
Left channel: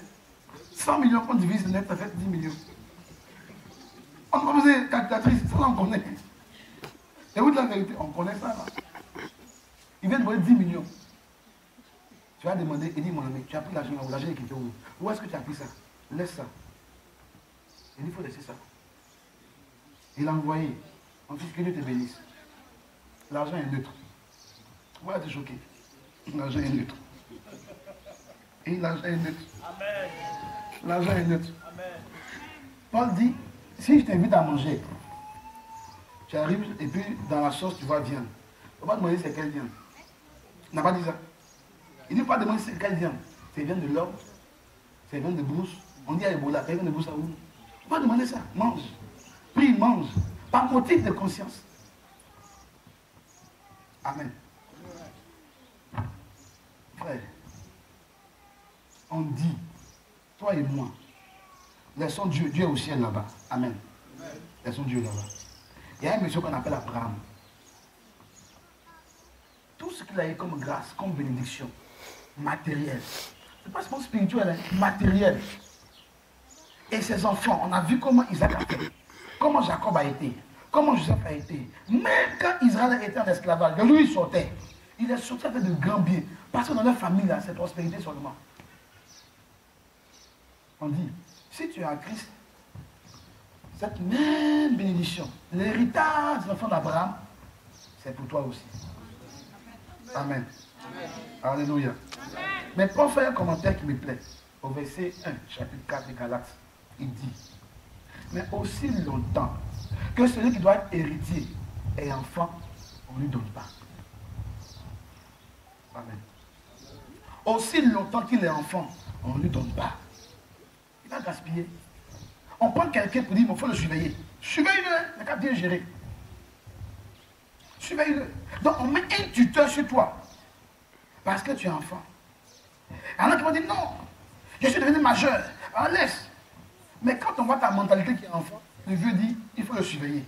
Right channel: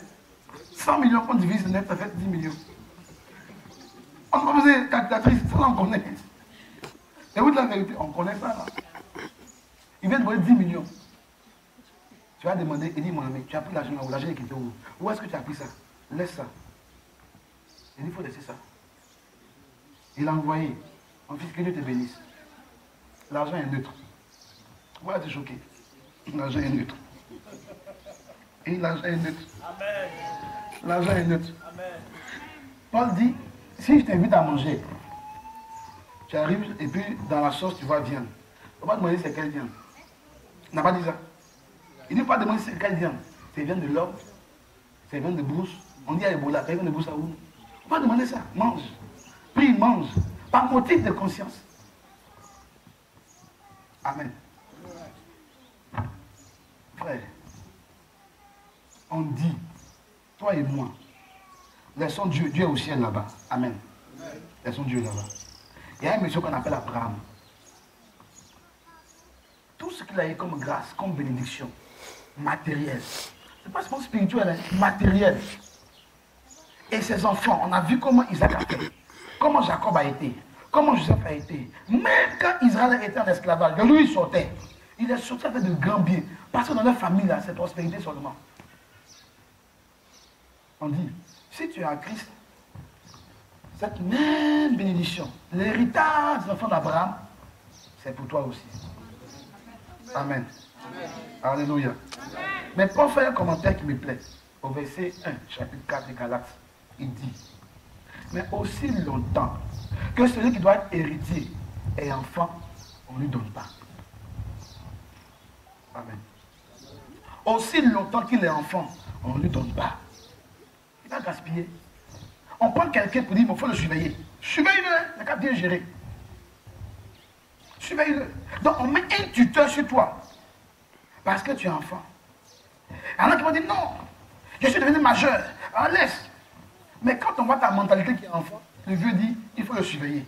100 millions, on divise le net, ça fait 10 millions. On va poser calculatrice, ça là on connaît. Et vous de la vérité, on connaît ça là. Il vient de donner 10 millions. Tu vas demander, il dit mon ami, tu as pris l'argent où l'argent est quitté où? Où est-ce que tu as pris ça? Laisse ça. Il dit, il faut laisser ça. Il a envoyé. Mon fils, que Dieu te bénisse. L'argent est neutre. Voilà, tu es choqué. L'argent est neutre. Et l'argent est neutre. L'argent est neutre. Paul dit, si je t'invite à manger, tu arrives et puis dans la sauce, tu vois viande. Il ne faut pas demander c'est quelle viande. Il n'a pas dit ça. Il ne faut pas demander c'est quelle viande. C'est viande de l'homme, c'est viande de brousse. On dit à Ebola, c'est viande de brousse à où? Il ne faut pas demander ça. Mange. Prie, mange. Par motif de conscience. Amen. Frère, on dit, toi et moi, laissons Dieu, Dieu est au ciel là-bas. Amen. Laissons Dieu là-bas. Il y a un monsieur qu'on appelle Abraham. Tout ce qu'il a eu comme grâce, comme bénédiction, matérielle, c'est pas seulement spirituel, hein, matériel. Et ses enfants, on a vu comment Isaac a fait, comment Jacob a été, comment Joseph a été. Même quand Israël était en esclavage, lui il sortait. Il est sorti avec de grands biens. Parce que dans leur famille, là, c'est prospérité seulement. On dit, si tu es en Christ, cette même bénédiction, l'héritage des enfants d'Abraham, c'est pour toi aussi. Amen. Amen. Alléluia. Amen. Mais pour faire un commentaire qui me plaît, au verset 1, chapitre 4 des Galates, il dit, mais aussi longtemps que celui qui doit être héritier est enfant, on ne lui donne pas. Amen. Aussi longtemps qu'il est enfant, on ne lui donne pas. Il va gaspiller. On prend quelqu'un pour dire, il faut le surveiller. Surveille-le, il n'a qu'à bien gérer. Surveille-le. Donc on met un tuteur sur toi. Parce que tu es enfant. Il y en a qui vont dire, non, je suis devenu majeur. Alors laisse. Mais quand on voit ta mentalité qui est enfant, le vieux dit, il faut le surveiller.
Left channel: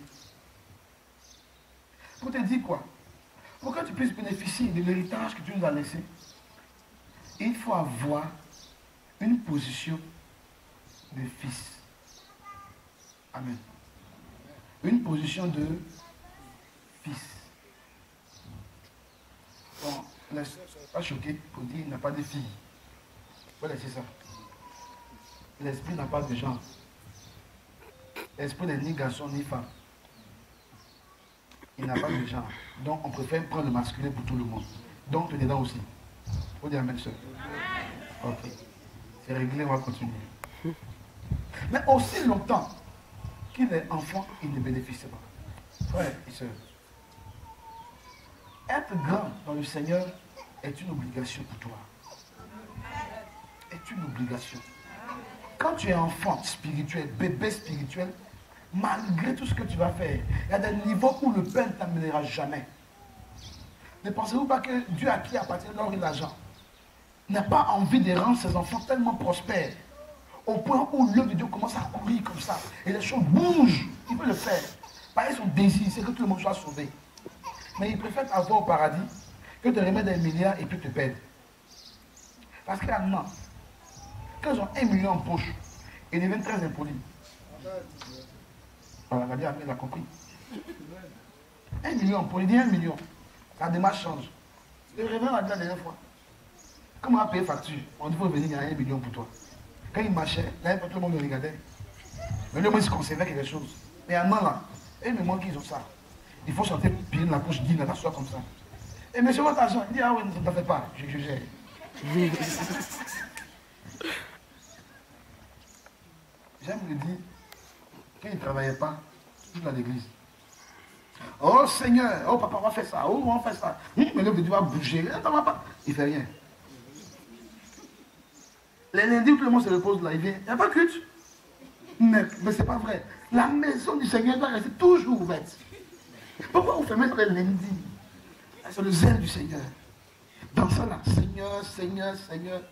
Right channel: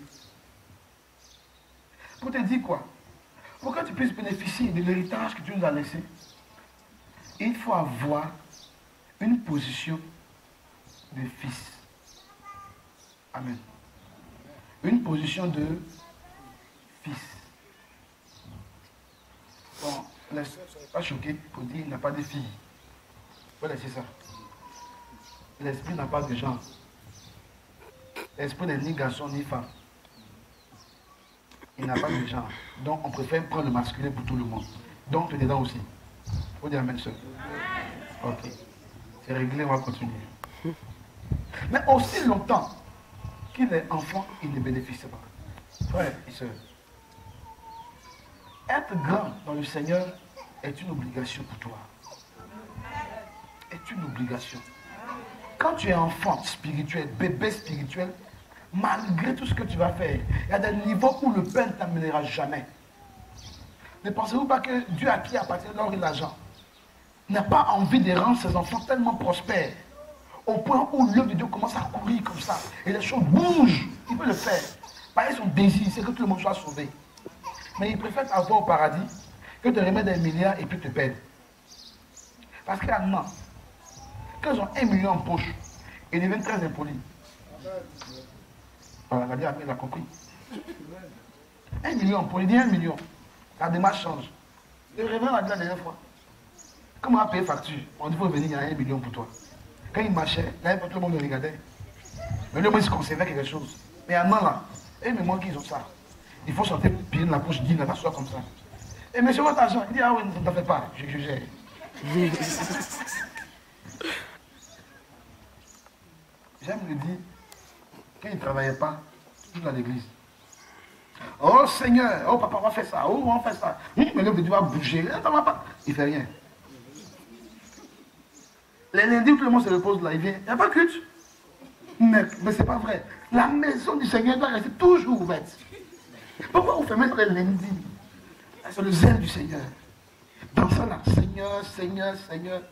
Pour te dire quoi? Pour que tu puisses bénéficier de l'héritage que Dieu nous a laissé, il faut avoir une position de fils. Amen. Une position de fils. Bon, les soeurs ne soient pas choquées pour dire qu'il n'y a pas de filles. Voilà, c'est ça. L'esprit n'a pas de genre. L'esprit n'est ni garçon ni femme. Il n'a pas de genre. Donc on préfère prendre le masculin pour tout le monde. Donc tu es dedans aussi. Il faut dire amen, soeur. Ok. C'est réglé, on va continuer. Mais aussi longtemps qu'il est enfant, il ne bénéficie pas. Frère et soeur, être grand dans le Seigneur est une obligation pour toi. Est une obligation. Quand tu es enfant spirituel, bébé spirituel, malgré tout ce que tu vas faire, il y a des niveaux où le Père ne t'amènera jamais. Ne pensez-vous pas que Dieu à qui appartient l'or et l'argent n'a pas envie de rendre ses enfants tellement prospères au point où l'œuvre de Dieu commence à courir comme ça et les choses bougent? Il peut le faire. Parce que son désir, c'est que tout le monde soit sauvé. Mais il préfère t'avoir au paradis que de remettre des milliards et puis te perdre. Parce qu'il y a non. Quand ils ont 1 million en poche, ils deviennent très impolis. Voilà, la Bible, il a compris. 1 million en poche, il dit 1 million. La démarche change. Le révérend a dit la dernière fois, comment on a payé facture? On dit qu'il faut venir, il y a 1 million pour toi. Quand il marchait, il n'y avait pas tout le monde le regardait. Mais lui, moi, il se conservait quelque chose. Mais un an là, et mais moi, qu'ils ont ça. Il faut chanter pied dans la poche, dire, la soit comme ça. Et monsieur, votre argent, il dit, ah oui, ne t'en fais pas, je gère. J'aime le dire, quand il ne travaillait pas, toujours dans l'église. Oh Seigneur, oh papa, on va faire ça, oh on va faire ça. Mais l'homme de Dieu va bouger, il ne fait rien. Les lundis où tout le monde se repose là, il vient, il n'y a pas de culte. Mais ce n'est pas vrai. La maison du Seigneur doit rester toujours ouverte. Pourquoi vous fermez les lundis? C'est le zèle du Seigneur. Dans ça là, Seigneur, Seigneur, Seigneur,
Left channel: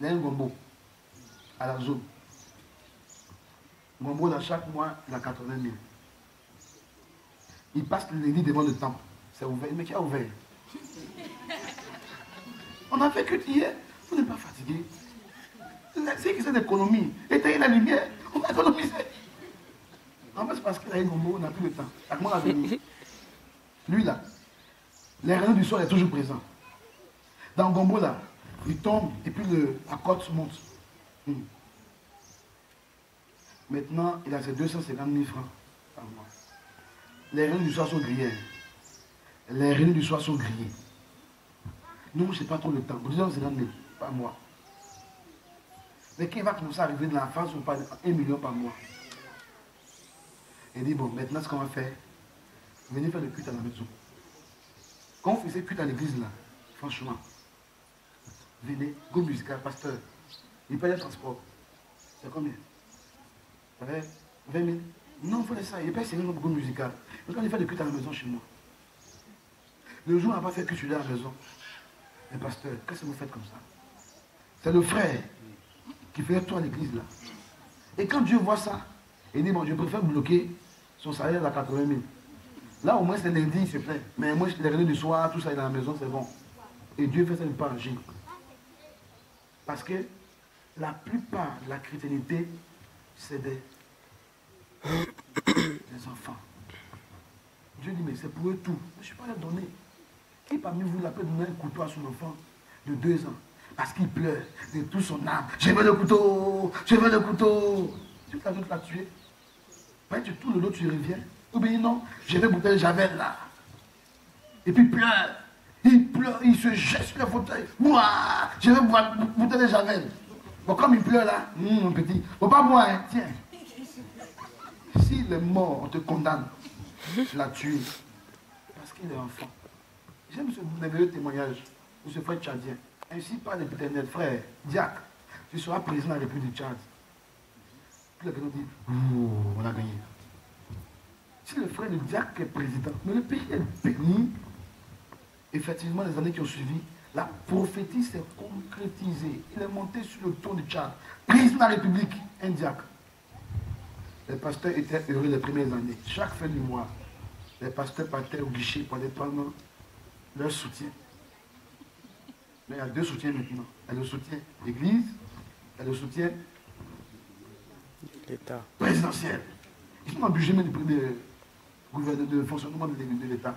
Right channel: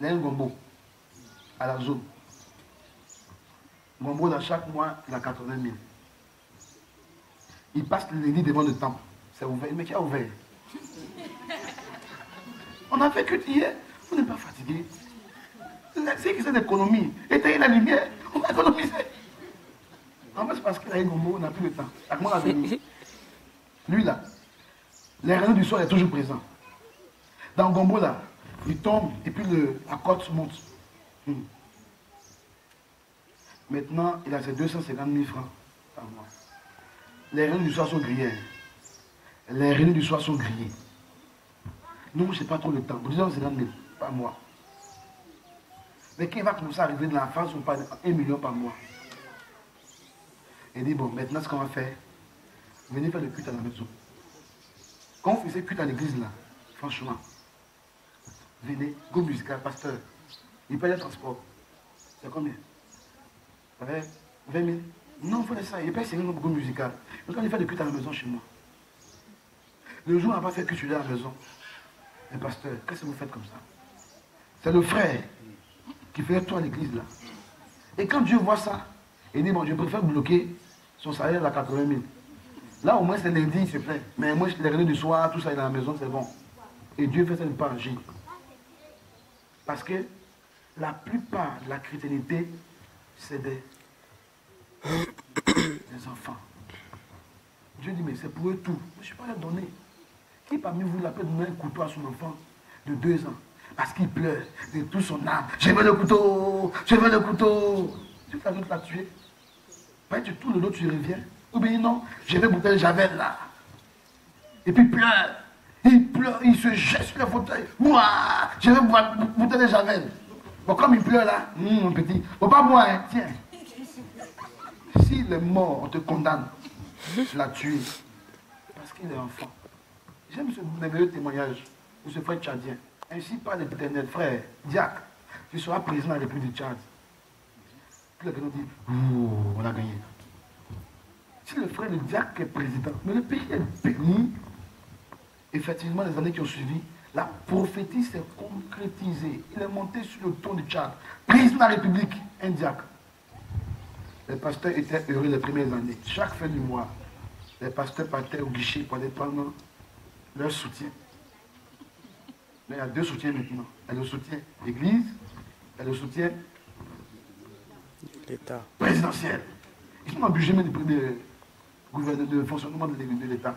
il y a un gombo à la zone. Gombo, dans chaque mois, il a 80 000. Il passe le lundi devant le temple. C'est ouvert. Mais qui a ouvert? On a fait que hier. Vous n'êtes pas fatigué. C'est que c'est l'économie. Éteignez la lumière. On va économiser. En fait, c'est parce qu'il a une gombo, on n'a plus le temps. À comment on a venu? Lui là, les rayons du soir est toujours présent. Dans le gombo là, il tombe et puis la côte monte. Maintenant, il a ses 250 000 francs par mois. Les rayons du soir sont grillés. Les rayons du soir sont grillés. Nous, je n'ai pas trop le temps. 250 000 par mois. Mais qui va commencer à arriver de la France, on parle 1 million par mois. Il dit, bon, maintenant, ce qu'on va faire, venez faire le culte à la maison. Quand on faisait culte à l'église, là, franchement, venez, go musical, pasteur, il paye le transport. C'est combien? Ça fait 20 000? Non, il faut ça, il paye 50 000 go musical. Mais quand il fait le culte à la maison chez moi, le jour où on n'a pas fait culte à la maison, mais pasteur, qu'est-ce que vous faites comme ça? C'est le frère qui fait tout à l'église, là. Et quand Dieu voit ça, il dit, bon, je préfère bloquer son salaire à 80 000. Là, au moins, c'est lundi, il se plaît. Mais moi, les réunions du soir, tout ça, il est à la maison, c'est bon. Et Dieu fait ça, il ne peut pas agir. Parce que la plupart de la chrétienté, c'est des enfants. Dieu dit, mais c'est pour eux tout. Je ne suis pas là donner. Qui parmi vous, il peut donner un couteau à son enfant de 2 ans? Parce qu'il pleure de tout son âme. Je veux le couteau, je veux le couteau. Tu fais l'autre la tuer. Tu tournes le dos, tu reviens. Ou bien non, je vais bouteille de Javel là. Et puis il pleure, il se jette sur le fauteuil. Moi, je vais boire bouteille de Javel. Bon, comme il pleure là, mon petit, faut pas boire, hein, tiens. S'il est mort, on te condamne. Je l'ai tué. Parce qu'il est enfant. J'aime ce merveilleux témoignage de ce frère tchadien. Ainsi par l'Éternel, frère, diacre, tu seras président de la République du Tchad. Puis le président dit, on a gagné. Si le frère, le diacre est président, mais le pays est béni, effectivement, les années qui ont suivi, la prophétie s'est concrétisée. Il est monté sur le trône du Tchad, président de la République, un diacre. Les pasteurs étaient heureux les premières années. Chaque fin du mois, les pasteurs partaient au guichet pour aller prendre leur soutien. Mais il y a 2 soutiens maintenant. Il y a le soutien Église, il y a le soutien l'État présidentiel. Ils sont dans le budget même de fonctionnement de l'État.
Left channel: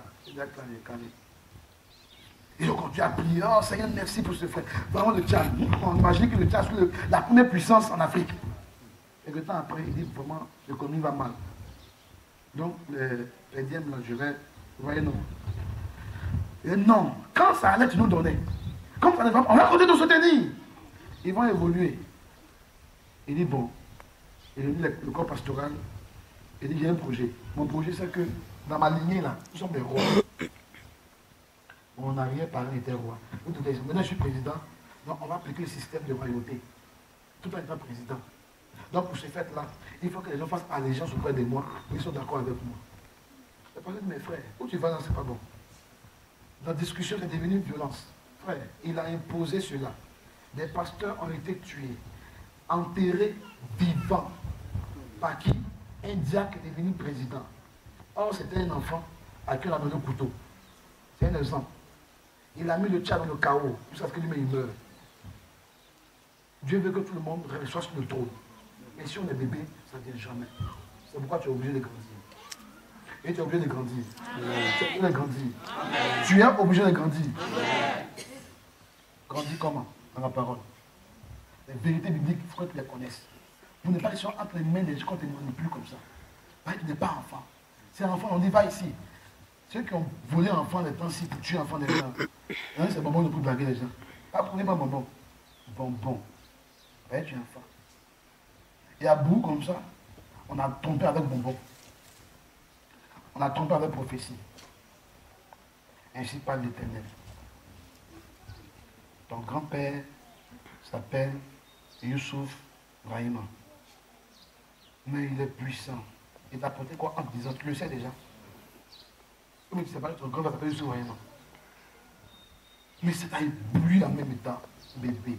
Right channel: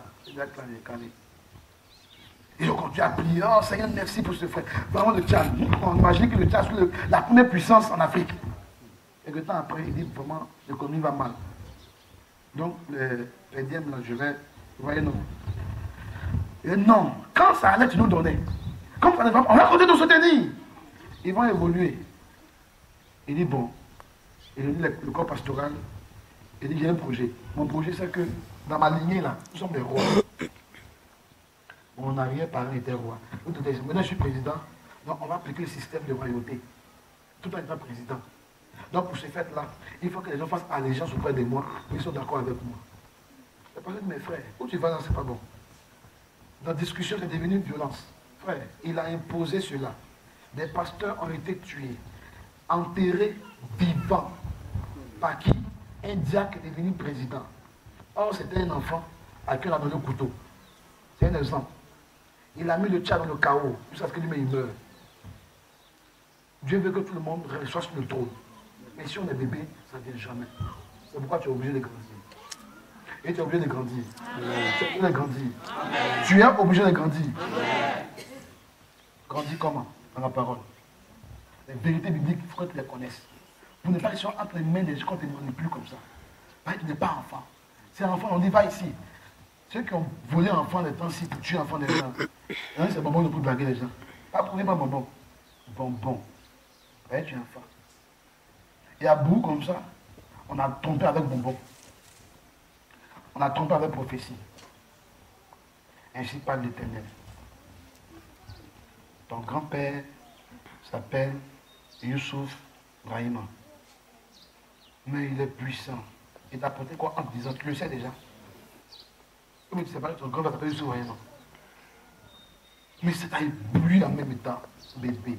Ils ont continué à prier. Oh Seigneur, merci pour ce frère. Vraiment le Tchad. On imagine que le Tchad est la première puissance en Afrique. Et que temps après, il dit vraiment, l'économie va mal. Donc, les dièmes, là, je vais. Vous voyez, non. Et non, quand ça allait, tu nous donnais. Comme ça ne va pas, on va continuer de soutenir. Ils vont évoluer. Il dit, bon, il dit le corps pastoral, il dit, il y a un projet. Mon projet, c'est que dans ma lignée, là, nous sommes des rois. Mon arrière-parent était roi. Maintenant, je suis président, donc on va appliquer le système de royauté. Tout en étant président. Donc, pour ce fait-là, il faut que les gens fassent allégeance auprès de moi, ils sont d'accord avec moi. Je parle de mes frères. Où tu vas, là, c'est pas bon. La discussion est devenue une violence. Frère, il a imposé cela. Des pasteurs ont été tués, enterrés vivants. Par qui? Un diacre est devenu président. Or, c'était un enfant à qui on a donné le couteau. C'est un exemple. Il a mis le Tchad dans le chaos, jusqu'à ce que lui-même il meure. Dieu veut que tout le monde soit sur le trône. Et si on est bébé, ça ne vient jamais. C'est pourquoi tu es obligé de grandir. Et tu es obligé de grandir. Tu es obligé de grandir. Tu es obligé de grandir. Grandir comment? Dans la parole. Les vérités bibliques, il faut que tu les connaisses. Vous n'êtes pas sur entre les mains des gens quand tu n'es plus comme ça. Tu n'es pas enfant. C'est un enfant, on dit va ici. Ceux qui ont volé un enfant des temps-ci pour tuer un enfant des gens. C'est bonbon pour blaguer les gens. Pas pour pas bonbon. Bonbon. Tu es enfant. Et à bout comme ça, on a trompé avec bonbon. On a trompé avec prophétie. Ainsi parle l'Éternel. Ton grand-père s'appelle Youssouf Brahima. Mais il est puissant. Il t'a apporté quoi en te disant, tu le sais déjà. Mais tu ne sais pas que ton grand-père s'appelle Youssouf Brahima. Mais c'est à éblouir en même temps, bébé.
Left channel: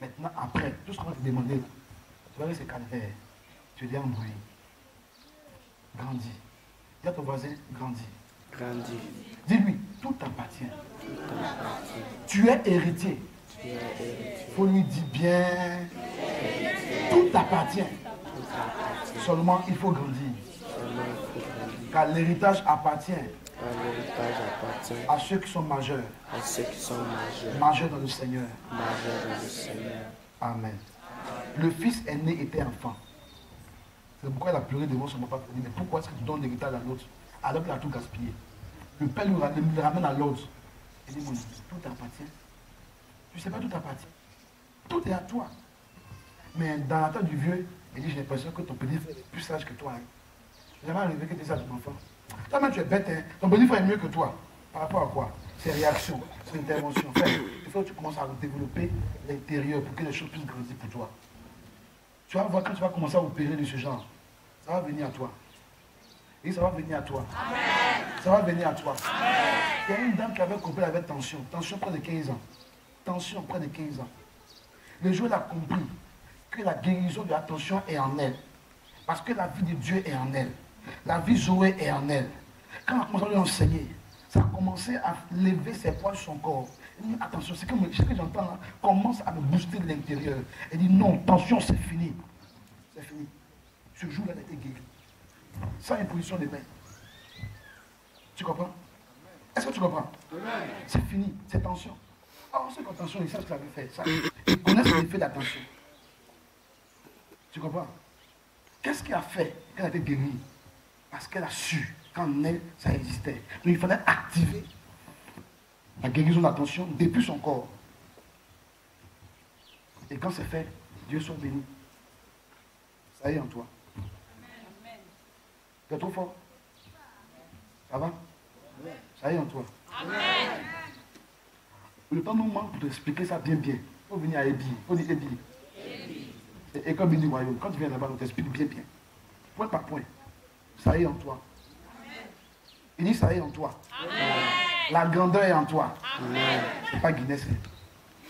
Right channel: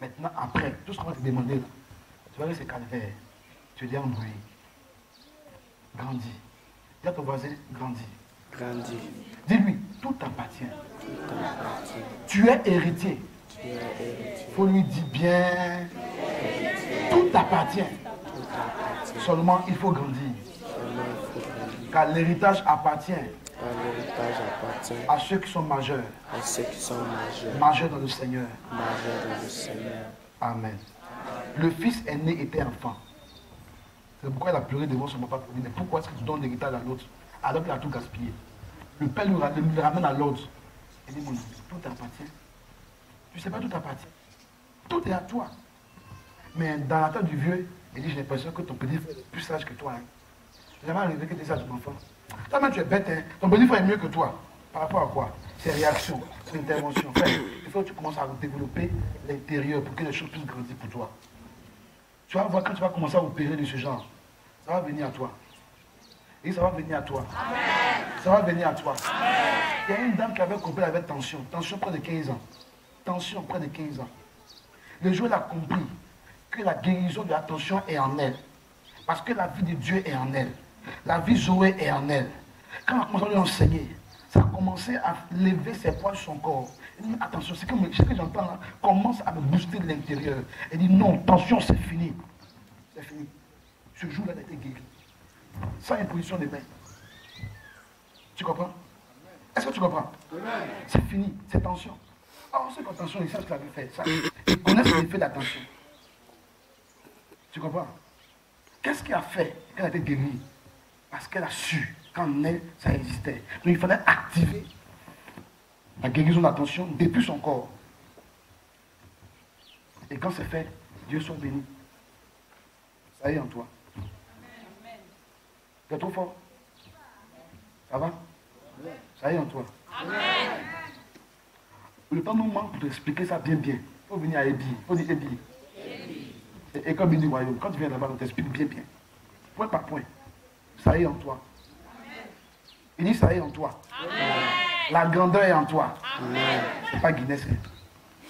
Maintenant, après, tout ce qu'on va te demander, tu vas voir ces calvaires. Tu dis embrouillé. Grandis. Dis à ton voisin, grandis. Grandis. Dis-lui, tout t'appartient. Tu es héritier. Il faut lui dire bien. Tout t'appartient. Seulement, il faut grandir. Car l'héritage appartient à ceux qui sont majeurs. Majeurs dans le Seigneur. Amen. Le fils aîné était enfant. C'est pourquoi il a pleuré devant son papa. Mais pourquoi est-ce que tu donnes l'héritage à l'autre alors qu'il a tout gaspillé? Le père lui ramène à l'ordre. Il dit, mon fils, tout t'appartient. Tu ne sais pas, tout t'appartient. Tout est à toi. Mais dans la tête du vieux, il dit, j'ai l'impression que ton petit frère est plus sage que toi. Hein. Jamais arrivé que tu es sage, mon enfant. Toi-même, tu es bête. Hein. Ton petit frère est mieux que toi. Par rapport à quoi? C'est réaction, c'est intervention. Enfin, il faut que tu commences à développer l'intérieur pour que les choses puissent grandir pour toi. Tu vas voir, quand tu vas commencer à opérer de ce genre, ça va venir à toi. Et ça va venir à toi. Amen. Ça va venir à toi. Amen. Il y a une dame qui avait compris, elle avait tension. Tension près de 15 ans. Tension près de 15 ans. Le jour où elle a compris que la guérison de la tension est en elle. Parce que la vie de Dieu est en elle. La vie Zoé est en elle. Quand elle a commencé à lui enseigner, ça a commencé à lever ses poids sur son corps. Elle dit, attention, ce que j'entends là commence à me booster de l'intérieur. Elle dit, non, tension, c'est fini. C'est fini. Ce jour-là, elle a été guérie. Sans imposition des mains. Tu comprends? Est-ce que tu comprends? C'est fini, c'est tension. Alors, ceux qui ont tension, ils savent ce qu'ils avaient fait. Ça, ils connaissent l'effet de la tension. Tu comprends? Qu'est-ce qui a fait qu'elle a été guérie? Parce qu'elle a su qu'en elle, ça existait. Donc il fallait activer la guérison de la tension depuis son corps. Et quand c'est fait, Dieu soit béni. Ça y est en toi. Tu es trop fort. Ça va? Ça y est en toi. Amen. Le temps nous manque pour t'expliquer ça bien. Il faut venir à Ebi. Il faut dire Ebi. Et comme il dit royaume, quand tu viens là-bas, on t'explique bien. Point par point. Ça y est en toi. Amen. Il dit ça y est en toi. Amen. La grandeur est en toi. C'est pas Guinness.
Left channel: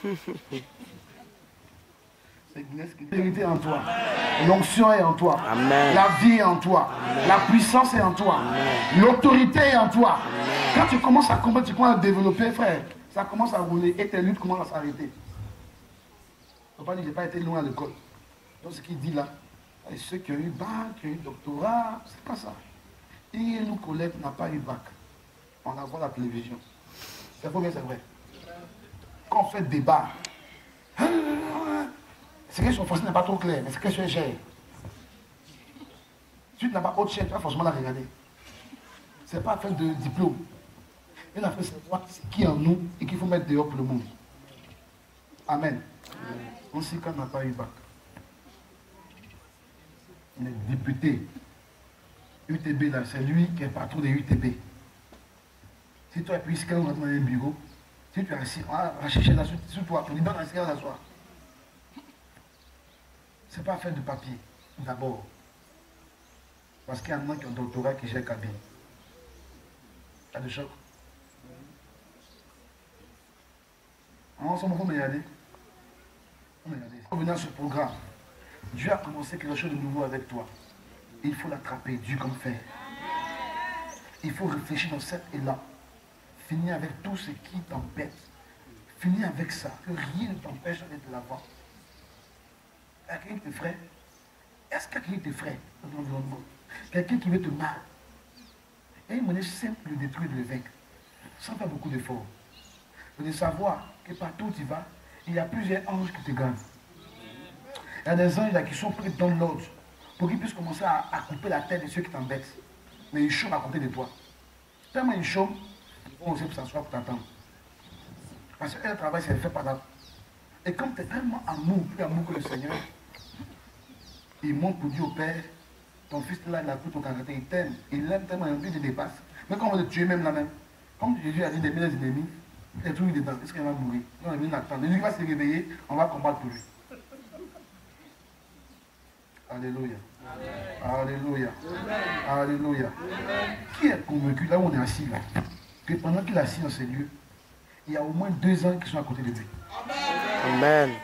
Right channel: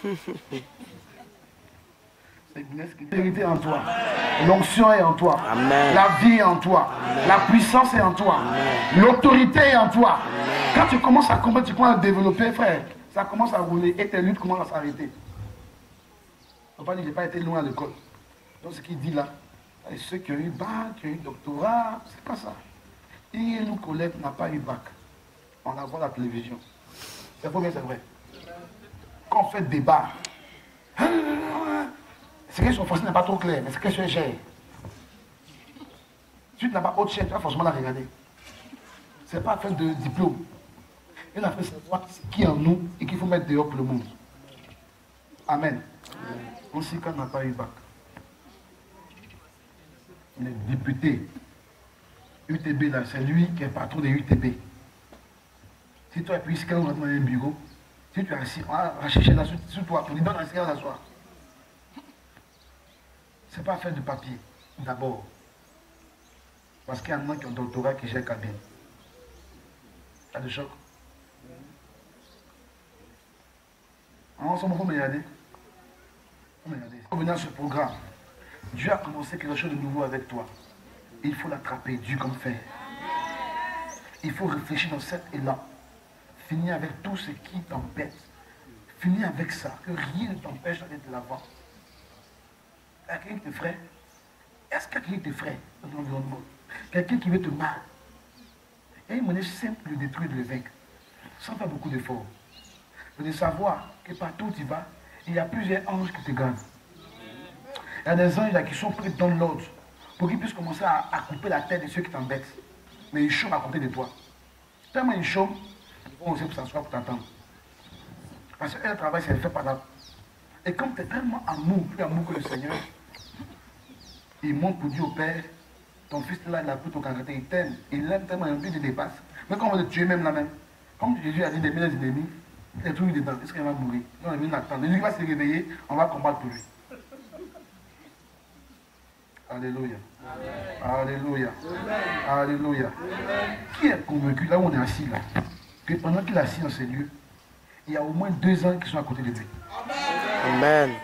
C'est Guinness qui est vérité en toi. L'onction est en toi. Amen. La vie est en toi. Amen. La puissance est en toi. L'autorité est en toi. Amen. Quand tu commences à comprendre, tu commences à développer, frère, ça commence à rouler et tes luttes commencent à s'arrêter. Papa dit, je n'ai pas été loin à l'école. Donc ce qu'il dit là, ceux qui ont eu bac, qui ont eu doctorat, c'est pas ça. Et nous, collègues, n'a pas eu bac. On la voit à la télévision. C'est faux, mais c'est vrai. Quand on fait débat, c'est que son français n'est pas trop clair, mais c'est que c'est cher. Si tu n'as pas autre chaîne, tu vas forcément la regarder. Ce n'est pas affaire de diplôme. Il a fait savoir qui est en nous et qu'il faut mettre dehors pour le monde. Amen. Aussi, quand on n'a pas eu bac, on est député. UTB, là, c'est lui qui est patron des UTB. Si toi, puis quand on rentre dans un bureau, si tu es assis, on va chercher là sur toi, on lui donne un cigarette à s'asseoir. Ce n'est pas faire du papier, d'abord. Parce qu'il y en a qui ont un doctorat qui gère cabine. T'as de choc? Ensemble, il faut me regarder. Pour venir à ce programme, Dieu a commencé quelque chose de nouveau avec toi. Il faut l'attraper, Dieu comme fer. Il faut réfléchir dans cet élan. Finir avec tout ce qui t'embête. Finir avec ça, que rien ne t'empêche d'aller de l'avant. Quelqu'un qui te ferait, est-ce que quelqu'un qui te ferait dans ton environnement? Quelqu'un qui veut te mal. Il y a une manière simple de détruire, de le vaincre, sans faire beaucoup d'efforts. C'est de savoir que partout où tu vas, il y a plusieurs anges qui te gardent. Il y a des anges là qui sont prêts dans l'ordre pour qu'ils puissent commencer à couper la tête de ceux qui t'embêtent. Mais ils chôment à côté de toi. Tellement ils chôment, ils vont aussi pour s'asseoir pour t'attendre. Parce que le travail, c'est fait par là. Et comme tu es tellement amour, plus amour que le Seigneur, il montre pour dire au Père, ton fils là, il a pris ton caractère, il t'aime, il l'aime tellement, il te dépasse. Mais quand on va te tuer même là même, comme Jésus a dit des milliers d'ennemis, il est tout dedans, est-ce qu'il va mourir? Non, il va attendre. Jésus va se réveiller, on va combattre pour lui. Alléluia. Alléluia. Alléluia. Qui est convaincu, là où on est assis là, que pendant qu'il est assis dans ces lieux, il y a au moins 2 ans qui sont à côté de lui. Amen.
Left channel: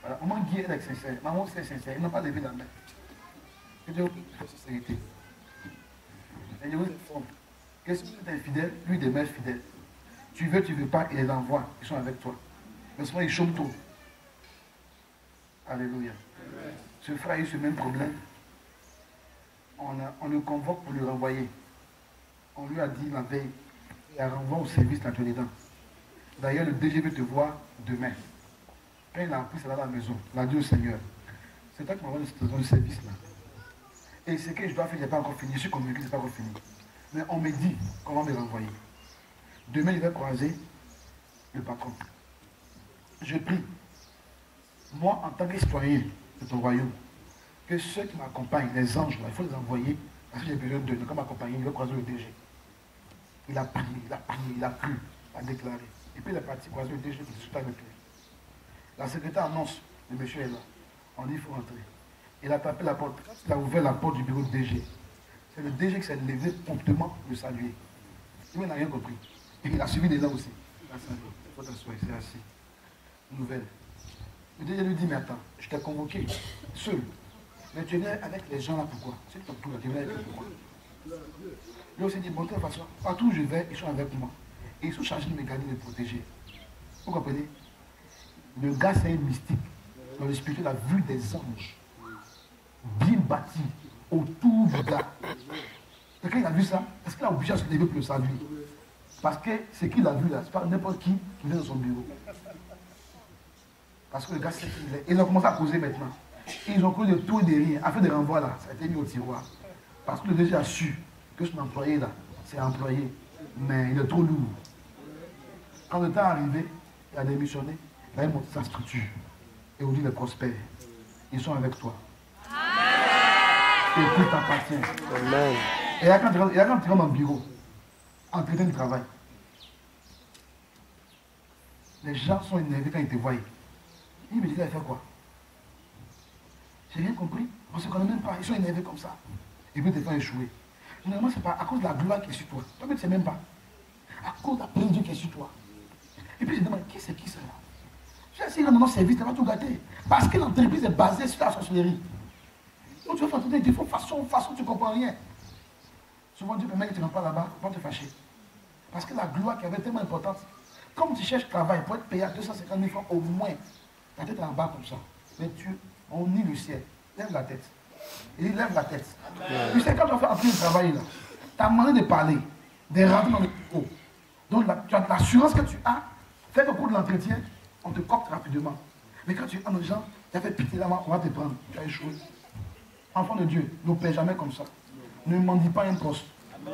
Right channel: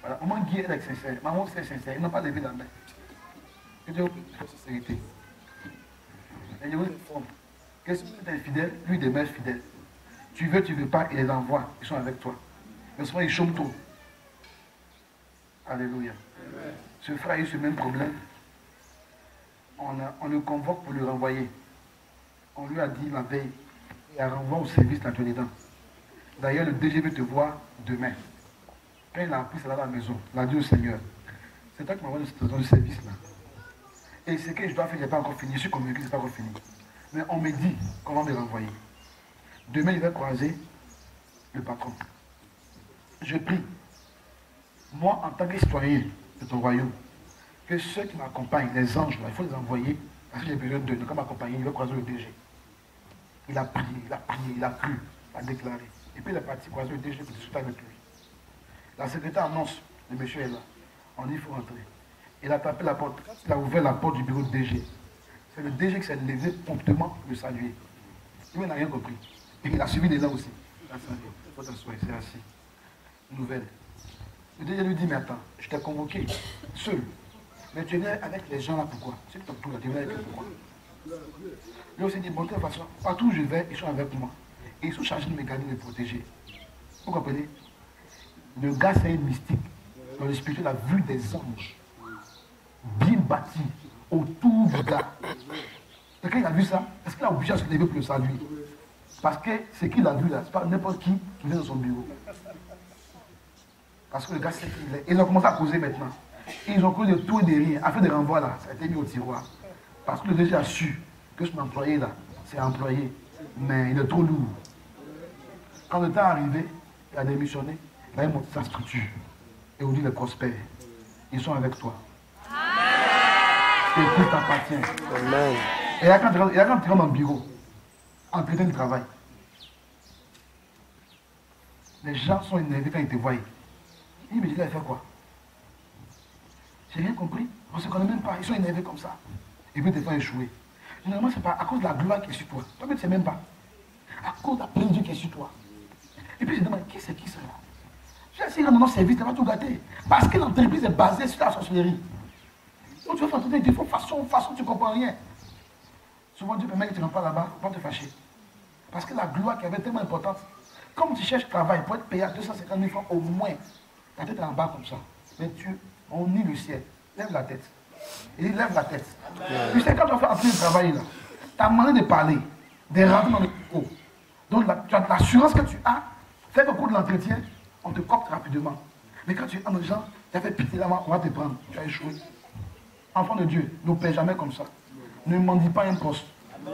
Voilà, maman Guy est sincère, maman c'est sincère, il n'a pas levé la main. Que Dieu vous prie de sincérité. Et je vous informe Que si tu es infidèle, lui demeure fidèle. Tu veux pas, il les envoie, ils sont avec toi. Mais souvent, ils chôment trop. Alléluia. Ce frère a eu ce même problème. On le convoque pour le renvoyer. On lui a dit la veille, il a renvoyé au service dans les dents. D'ailleurs, le DG veut te voir demain. Quand il a appris cela à la maison, il a dit au Seigneur, c'est toi qui m'envoie dans le service là. Et ce que je dois faire, je n'ai pas encore fini. Je suis convaincu que ce n'est pas encore fini. Mais on me dit qu'on va me renvoyer. Demain, il va croiser le patron. Je prie, moi, en tant que citoyen de ton royaume, que ceux qui m'accompagnent, les anges, là, il faut les envoyer, parce que j'ai besoin d'eux. Comme m'accompagner, il va croiser le DG. Il a prié, il a plu, il a déclaré. Et puis il est parti croiser le DG pour discuter avec lui. La secrétaire annonce, le monsieur est là. On dit, il faut rentrer. Il a tapé la porte. Quand il a ouvert la porte du bureau de DG, c'est le DG qui s'est levé promptement le saluer. Il n'a rien compris. Et il a suivi des gens aussi. Il a salué. Il faut s'asseoir, c'est assis. Nouvelle. Le DG lui dit, mais attends, je t'ai convoqué, seul. Mais tu es avec les gens là, pourquoi? C'est que tu es avec eux, pourquoi? Lui aussi dit, bon, de toute façon, partout où je vais, ils sont avec moi. Et ils sont chargés de me garder, de me protéger. Vous comprenez? Le gars, c'est un mystique. Dans le spirituel, il a vu des anges bien bâtis autour du gars. Et quand il a vu ça, est-ce qu'il a obligé à se lever pour le saluer? Parce que ce qu'il a vu là, c'est pas n'importe qui vient dans son bureau. Parce que le gars sait qu'il est. Ils ont commencé à causer maintenant. Et ils ont causé de tout et de rien. Afin de renvoi là, ça a été mis au tiroir. Parce que le DG a su que son employé là, c'est employé. Mais il est trop lourd. Quand le temps est arrivé, il a démissionné, il a monté sa structure. Et aujourd'hui, il est prospère. Ils sont avec toi. Et tout t'appartient. Amen. Et là, quand tu rentres dans le bureau, entretien du travail, les gens sont énervés quand ils te voient. Il me dit, il a fait quoi? J'ai rien compris. On ne se connaît même pas. Ils sont énervés comme ça. Et puis, ils te font échouer. Généralement, c'est pas à cause de la gloire qui est sur toi. Toi-même, tu ne sais même pas. À cause de la présence de Dieu qui est sur toi. Et puis, je demande, qui c'est qui cela? Je dis, si dans notre service, tu vas tout gâter. Parce que l'entreprise est basée sur la sorcellerie. Donc, tu vas faire entendre des défauts, façon, tu ne comprends rien. Souvent, Dieu permet que tu ne rentres pas là-bas, pour te fâcher. Parce que la gloire qui avait tellement importante, comme tu cherches travail pour être payé à 250 000 francs au moins, ta tête est en bas comme ça. Mais on nie le ciel. Lève la tête. Il lève la tête. Tu sais, quand tu vas faire un petit travail là, tu as demandé de parler, de rentrer dans le haut. Donc, tu as l'assurance que tu as. Fais le cours de l'entretien, on te copte rapidement. Mais quand tu es en gens, tu as fait pitié là-bas, on va te prendre. Tu as échoué. Enfant de Dieu, ne paie jamais comme ça. Ne mendie pas un poste.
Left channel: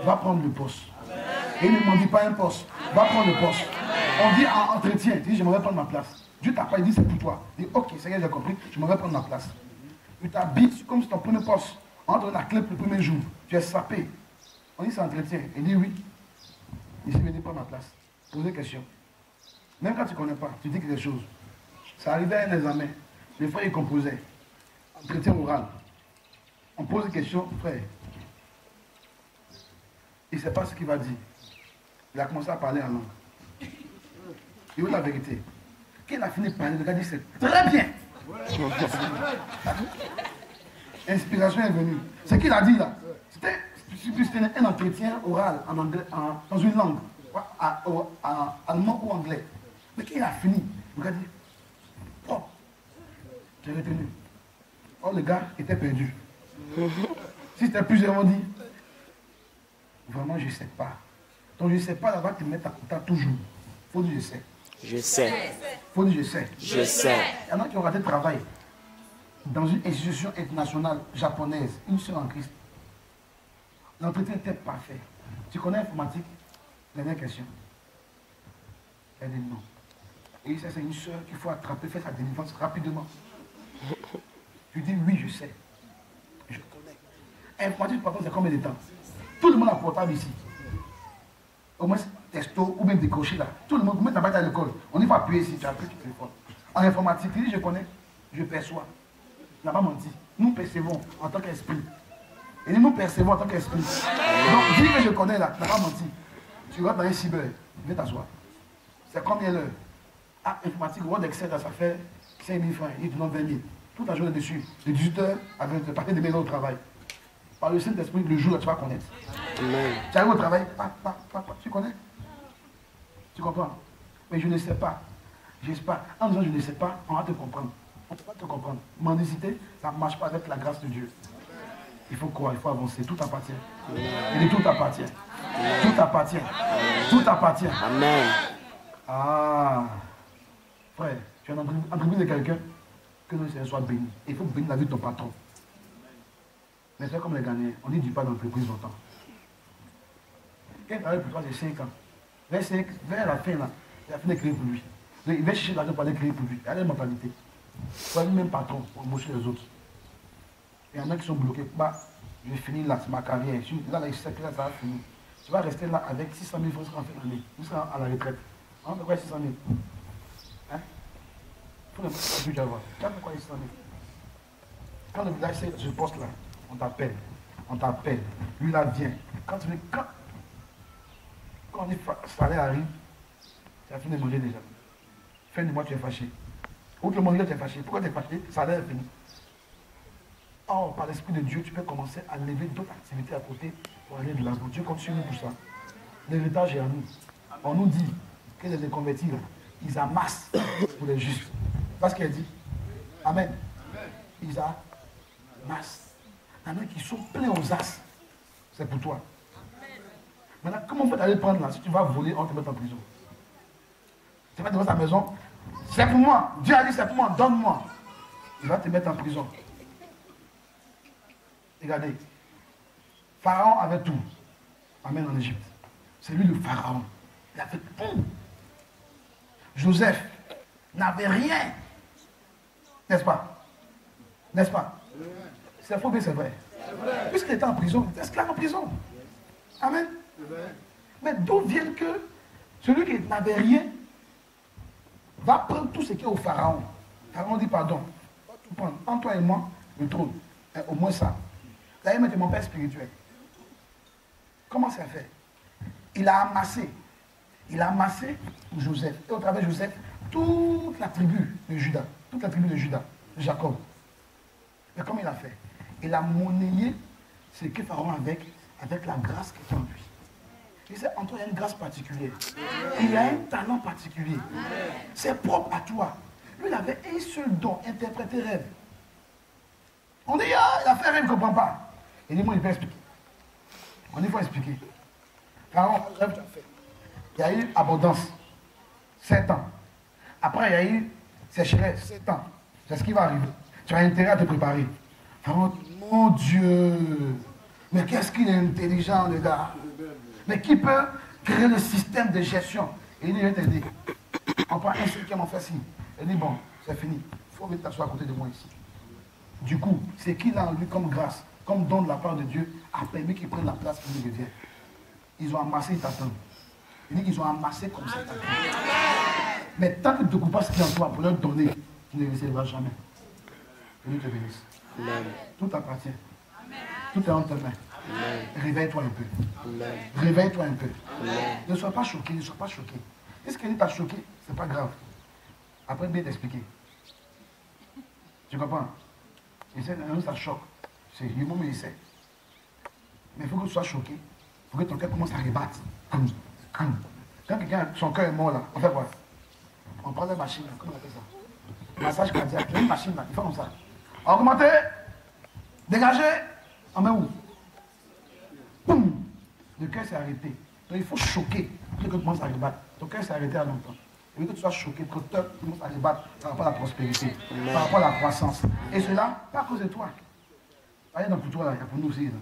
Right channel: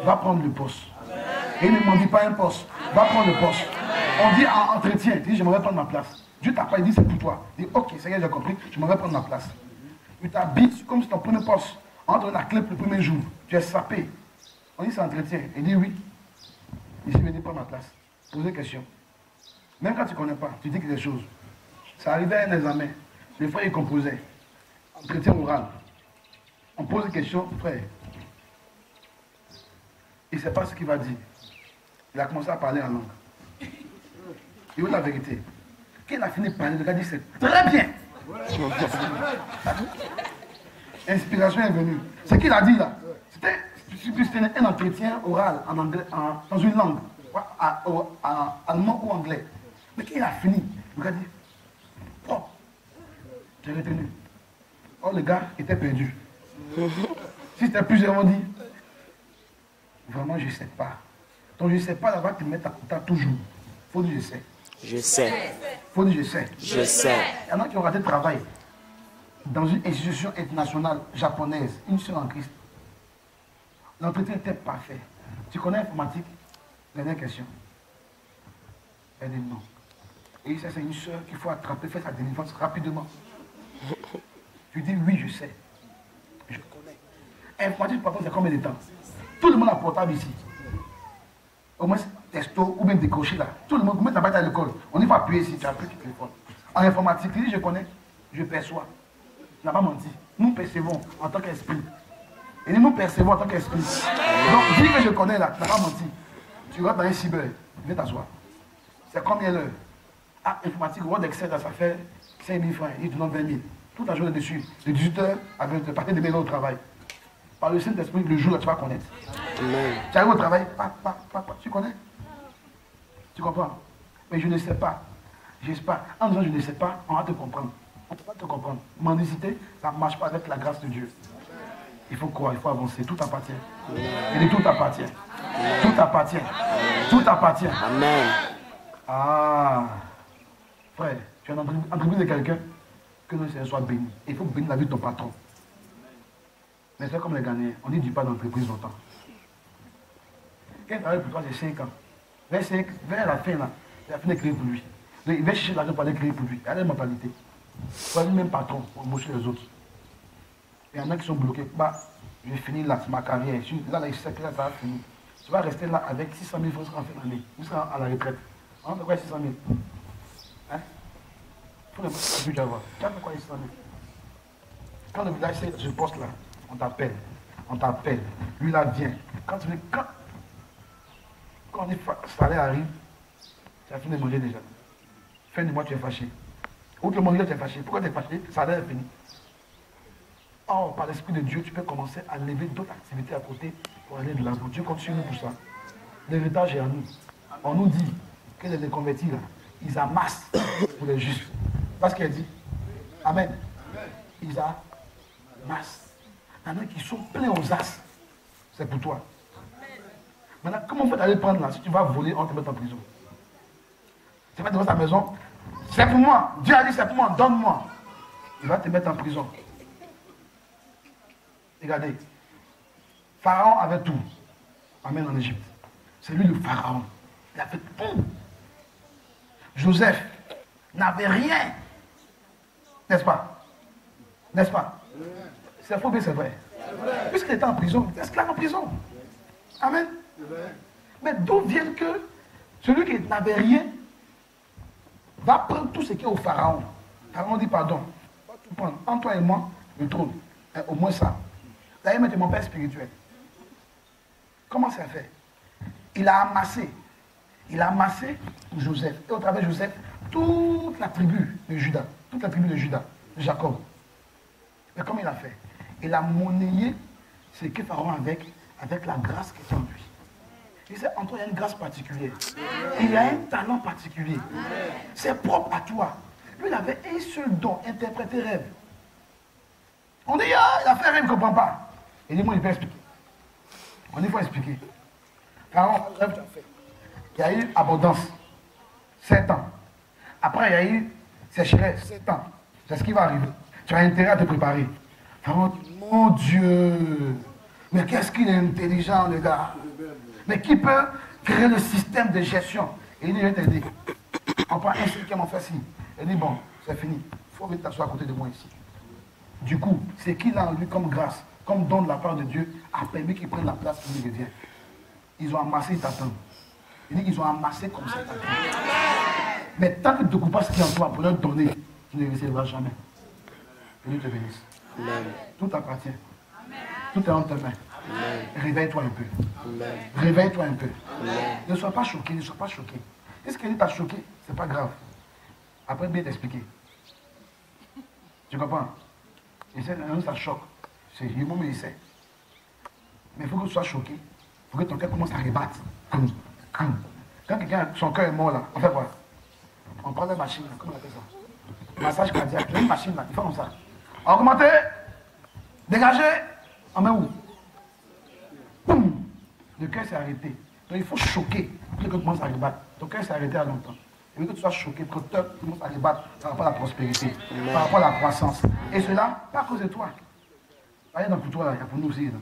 Va prendre le poste. Et ne mendie pas un poste. Va prendre le poste. On dit en entretien, tu dis, je m'en vais prendre ma place. Dieu t'a pas dit, c'est pour toi. Il dit, ok, Seigneur, j'ai compris, je m'en vais prendre ma place. Tu t'habites comme si ton premier poste. On te donne la clé pour le premier jour. Tu es sapé. On dit, c'est entretien. Il dit, oui. Ici, venez prendre ma place. Posez des questions. Même quand tu ne connais pas, tu dis quelque chose. Ça arrivait à un examen. Le frère, il composait. Entretien oral. On pose des questions, frère. Il ne sait pas ce qu'il va dire. Il a commencé à parler en langue. Il veut la vérité. Quand il a fini de parler, le gars dit, c'est très bien. Inspiration est venue. Ce qu'il a dit là, c'était un entretien oral en anglais, dans une langue, allemand ou anglais. Mais quand il a fini, le gars dit, oh, j'ai retenu. Oh, le gars était perdu. Si c'était plus, j'aurais dit, vraiment, je ne sais pas. Donc, je ne sais pas, là-bas, tu mets ta toujours. Il faut dire, je sais. Je sais. Il faut dire, je sais. Je sais. Il y en a qui ont raté le travail dans une institution internationale japonaise, une seule en Christ. L'entretien était parfait. Tu connais l'informatique? Dernière question. Elle dit non. Et ça, c'est une soeur qu'il faut attraper, faire sa délivrance rapidement. Tu dis oui, je sais. Je connais. Informatique, par contre, c'est combien de temps? Tout le monde a portable ici. Au moins, testo ou même décroché là. Tout le monde, vous mettez la batte à l'école. On y va appuyer ici, tu as pris ton téléphone. En informatique, tu dis je connais, je perçois. Tu n'as pas menti. Nous percevons en tant qu'esprit. Et nous percevons en tant qu'esprit. Donc, dis que je connais là, tu n'as pas menti. Tu rentres dans un cyber, viens t'asseoir. C'est combien l'heure? Ah, informatique, Word Excel, ça fait 5 000 francs, il te donne 20 000. Toute la journée dessus, de 18h à 20h, partir de 2 heures au travail. Par le Saint-Esprit, le jour là, tu vas connaître. Amen. Tu arrives au travail, tu connais? Tu comprends? Mais je ne sais pas. Je ne sais pas. En disant je ne sais pas, on va te comprendre. On ne peut pas te comprendre. Mendicité, ça ne marche pas avec la grâce de Dieu. Il faut croire, il faut avancer. Tout appartient. Il dit tout appartient. Tout appartient. Tout appartient. Amen. Ah. Frère, tu es en entreprise de quelqu'un, que le Seigneur soit béni. Il faut bénir la vie de ton patron. Mais c'est comme les Ghanéens. On ne dit pas d'entreprise longtemps. Quand il travaille pour toi, c'est 5 ans. Vers la fin, là, il a fini de créer pour lui. Donc, il va chercher l'argent pour aller créer pour lui. Il a une mentalité. Il va même patron pour embaucher les autres. Il y en a qui sont bloqués. Bah, je finis là, c'est ma carrière. Là, il sait que là, ça va finir. Tu vas rester là avec 600 000 francs en fin d'année. Tu seras à la retraite. On fait quoi 600 000? Hein? Il faut le mettre à but d'avoir. Tu as fait quoi 600 000? Quand le village sait ce poste-là, on t'appelle. On t'appelle. Lui, là, vient. Quand on dit salaire arrive, tu as fini de manger déjà. Fin du mois, tu es fâché. Ou le manger, tu es fâché. Pourquoi tu es fâché? Salaire est fini. Or, par l'Esprit de Dieu, tu peux commencer à lever d'autres activités à côté pour aller de l'avant. Dieu continue pour ça. L'héritage est à nous. On nous dit que les convertis, là, ils amassent pour les justes. Parce qu'il a dit. Amen. Ils amassent. Il y en a qui sont pleins aux as. C'est pour toi. Maintenant, comment on fait d'aller prendre là? Si tu vas voler, on te met en prison. Tu vas devant ta maison. C'est pour moi. Dieu a dit c'est pour moi. Donne-moi. Il va te mettre en prison. Regardez. Pharaon avait tout. Amen en Égypte. C'est lui le Pharaon. Il a fait tout. Joseph n'avait rien. N'est-ce pas? N'est-ce pas? C'est faux, mais c'est vrai. Puisqu'il était en prison, il était esclave en prison. Amen. Mais d'où vient que celui qui n'avait rien va prendre tout ce qui est au Pharaon. Pharaon dit pardon. Va tout prendre. Entre toi et moi, le trône. Au moins ça. D'ailleurs, c'est mon père spirituel. Comment ça fait? Il a amassé. Il a amassé pour Joseph. Et au travers de Joseph, toute la tribu de Judas. Toute la tribu de Judas, de Jacob. Mais comment il a fait? Il a monnayé ce que Pharaon avec la grâce qui est en lui. Il sait, en toi, il y a une grâce particulière. Il a un talent particulier. C'est propre à toi. Lui, il avait un seul don, interpréter rêve. On dit, ah, il a fait un rêve, il ne comprend pas. Il dit, moi, il peut expliquer. On dit, il faut expliquer. Pharaon, le rêve que tu as fait. Il y a eu abondance. 7 ans. Après, il y a eu sécheresse. 7 ans. C'est ce qui va arriver. Tu as intérêt à te préparer. Pharaon, mon Dieu. Mais qu'est-ce qu'il est intelligent, le gars. Mais qui peut créer le système de gestion? Et il dit, je vais t'aider. On prend un cinquième, on fait ci. Il dit, bon, c'est fini. Il faut venir t'asseoir à côté de moi ici. Du coup, c'est qu'il a en lui comme grâce, comme don de la part de Dieu, a permis qu'il prenne la place qui lui revient. Ils ont amassé, ils t'attendent. Il dit qu'ils ont amassé comme ça, ils t'attendent. Mais tant que tu ne te coupes pas ce qui est en toi pour leur donner, tu ne recevras jamais. Que Dieu te bénisse. Amen. Tout appartient. Tout est entre tes mains. Réveille-toi un peu. Amen. Réveille-toi un peu. Amen. Ne sois pas choqué, ne sois pas choqué. Si ce qu'il t'a choqué, ce n'est pas grave. Après, bien t'expliquer. Tu comprends? Et ça choque. C'est le moment où il sait. Mais il faut que tu sois choqué. Il faut que ton cœur commence à rebattre. Quand quelqu'un, son cœur est mort là, on fait quoi? On prend la machine, comment on appelle ça? Massage cardiaque. Il y a une machine là, il fait comme ça. Augmenter, dégager, on met où? Boum! Le cœur s'est arrêté. Donc il faut choquer pour que tu commences à rebattre. Ton cœur s'est arrêté à longtemps. Il faut que tu sois choqué, que ton cœur commence à rebattre par rapport à la prospérité, par rapport à la croissance. Et cela, pas à cause de toi. Allez, donc pour toi, là, il y a pour nous aussi. Là.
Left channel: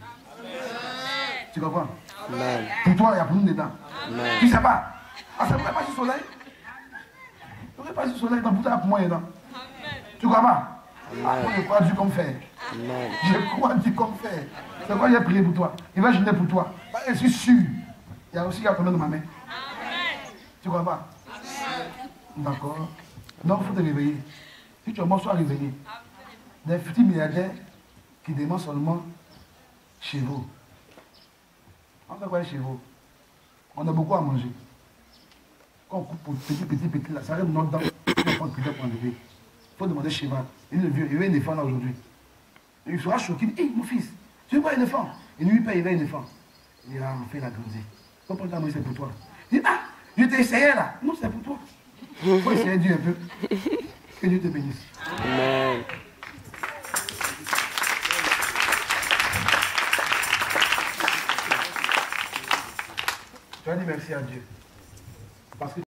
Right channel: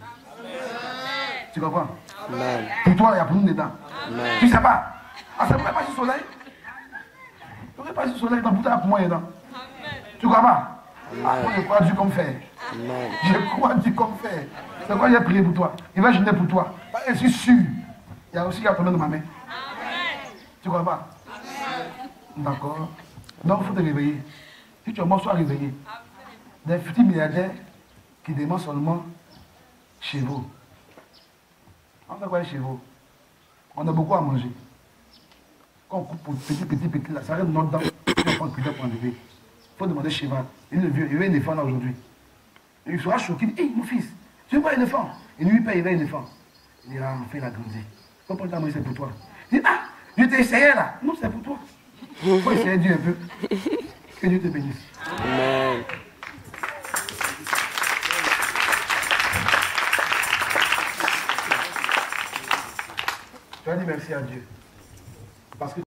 Tu comprends? Amen. Pour toi, il y a pour nous dedans. Amen. Tu ne sais pas. Ah, ça ne pourrait pas sur le soleil. Ça ne pourrait pas sur le soleil, donc pour toi, pour moi, il y a dedans. Tu crois pas? Ah, moi, je crois Dieu comme faire. Amen. Je crois Dieu comme faire. C'est quoi j'ai prié pour toi? Il va jeûner pour toi. Je suis sûr. Il y a aussi un problème de ma main. Tu crois pas? D'accord. Donc, il faut te réveiller. Si tu es mort, sois réveillé. Des petits milliardaires qui demandent seulement chez vous. On fait quoi chez vous? On a beaucoup à manger. Quand on coupe petit, là, ça reste notre dent. On prend le plus pour enlever. Il faut demander chez vous. Il est le vieux, il veut un éléphant là aujourd'hui. Il sera choqué. Il dit, hey, mon fils, tu veux pas un éléphant? Et lui, il paye, il veut un éléphant. Il a enfin la grandi. Faut pas dire, c'est pour toi. Il dit, ah, je t'ai essayé là. Non, c'est pour toi. Il faut essayer Dieu un peu. Que Dieu te bénisse. Amen. Tu as dit merci à Dieu. Parce que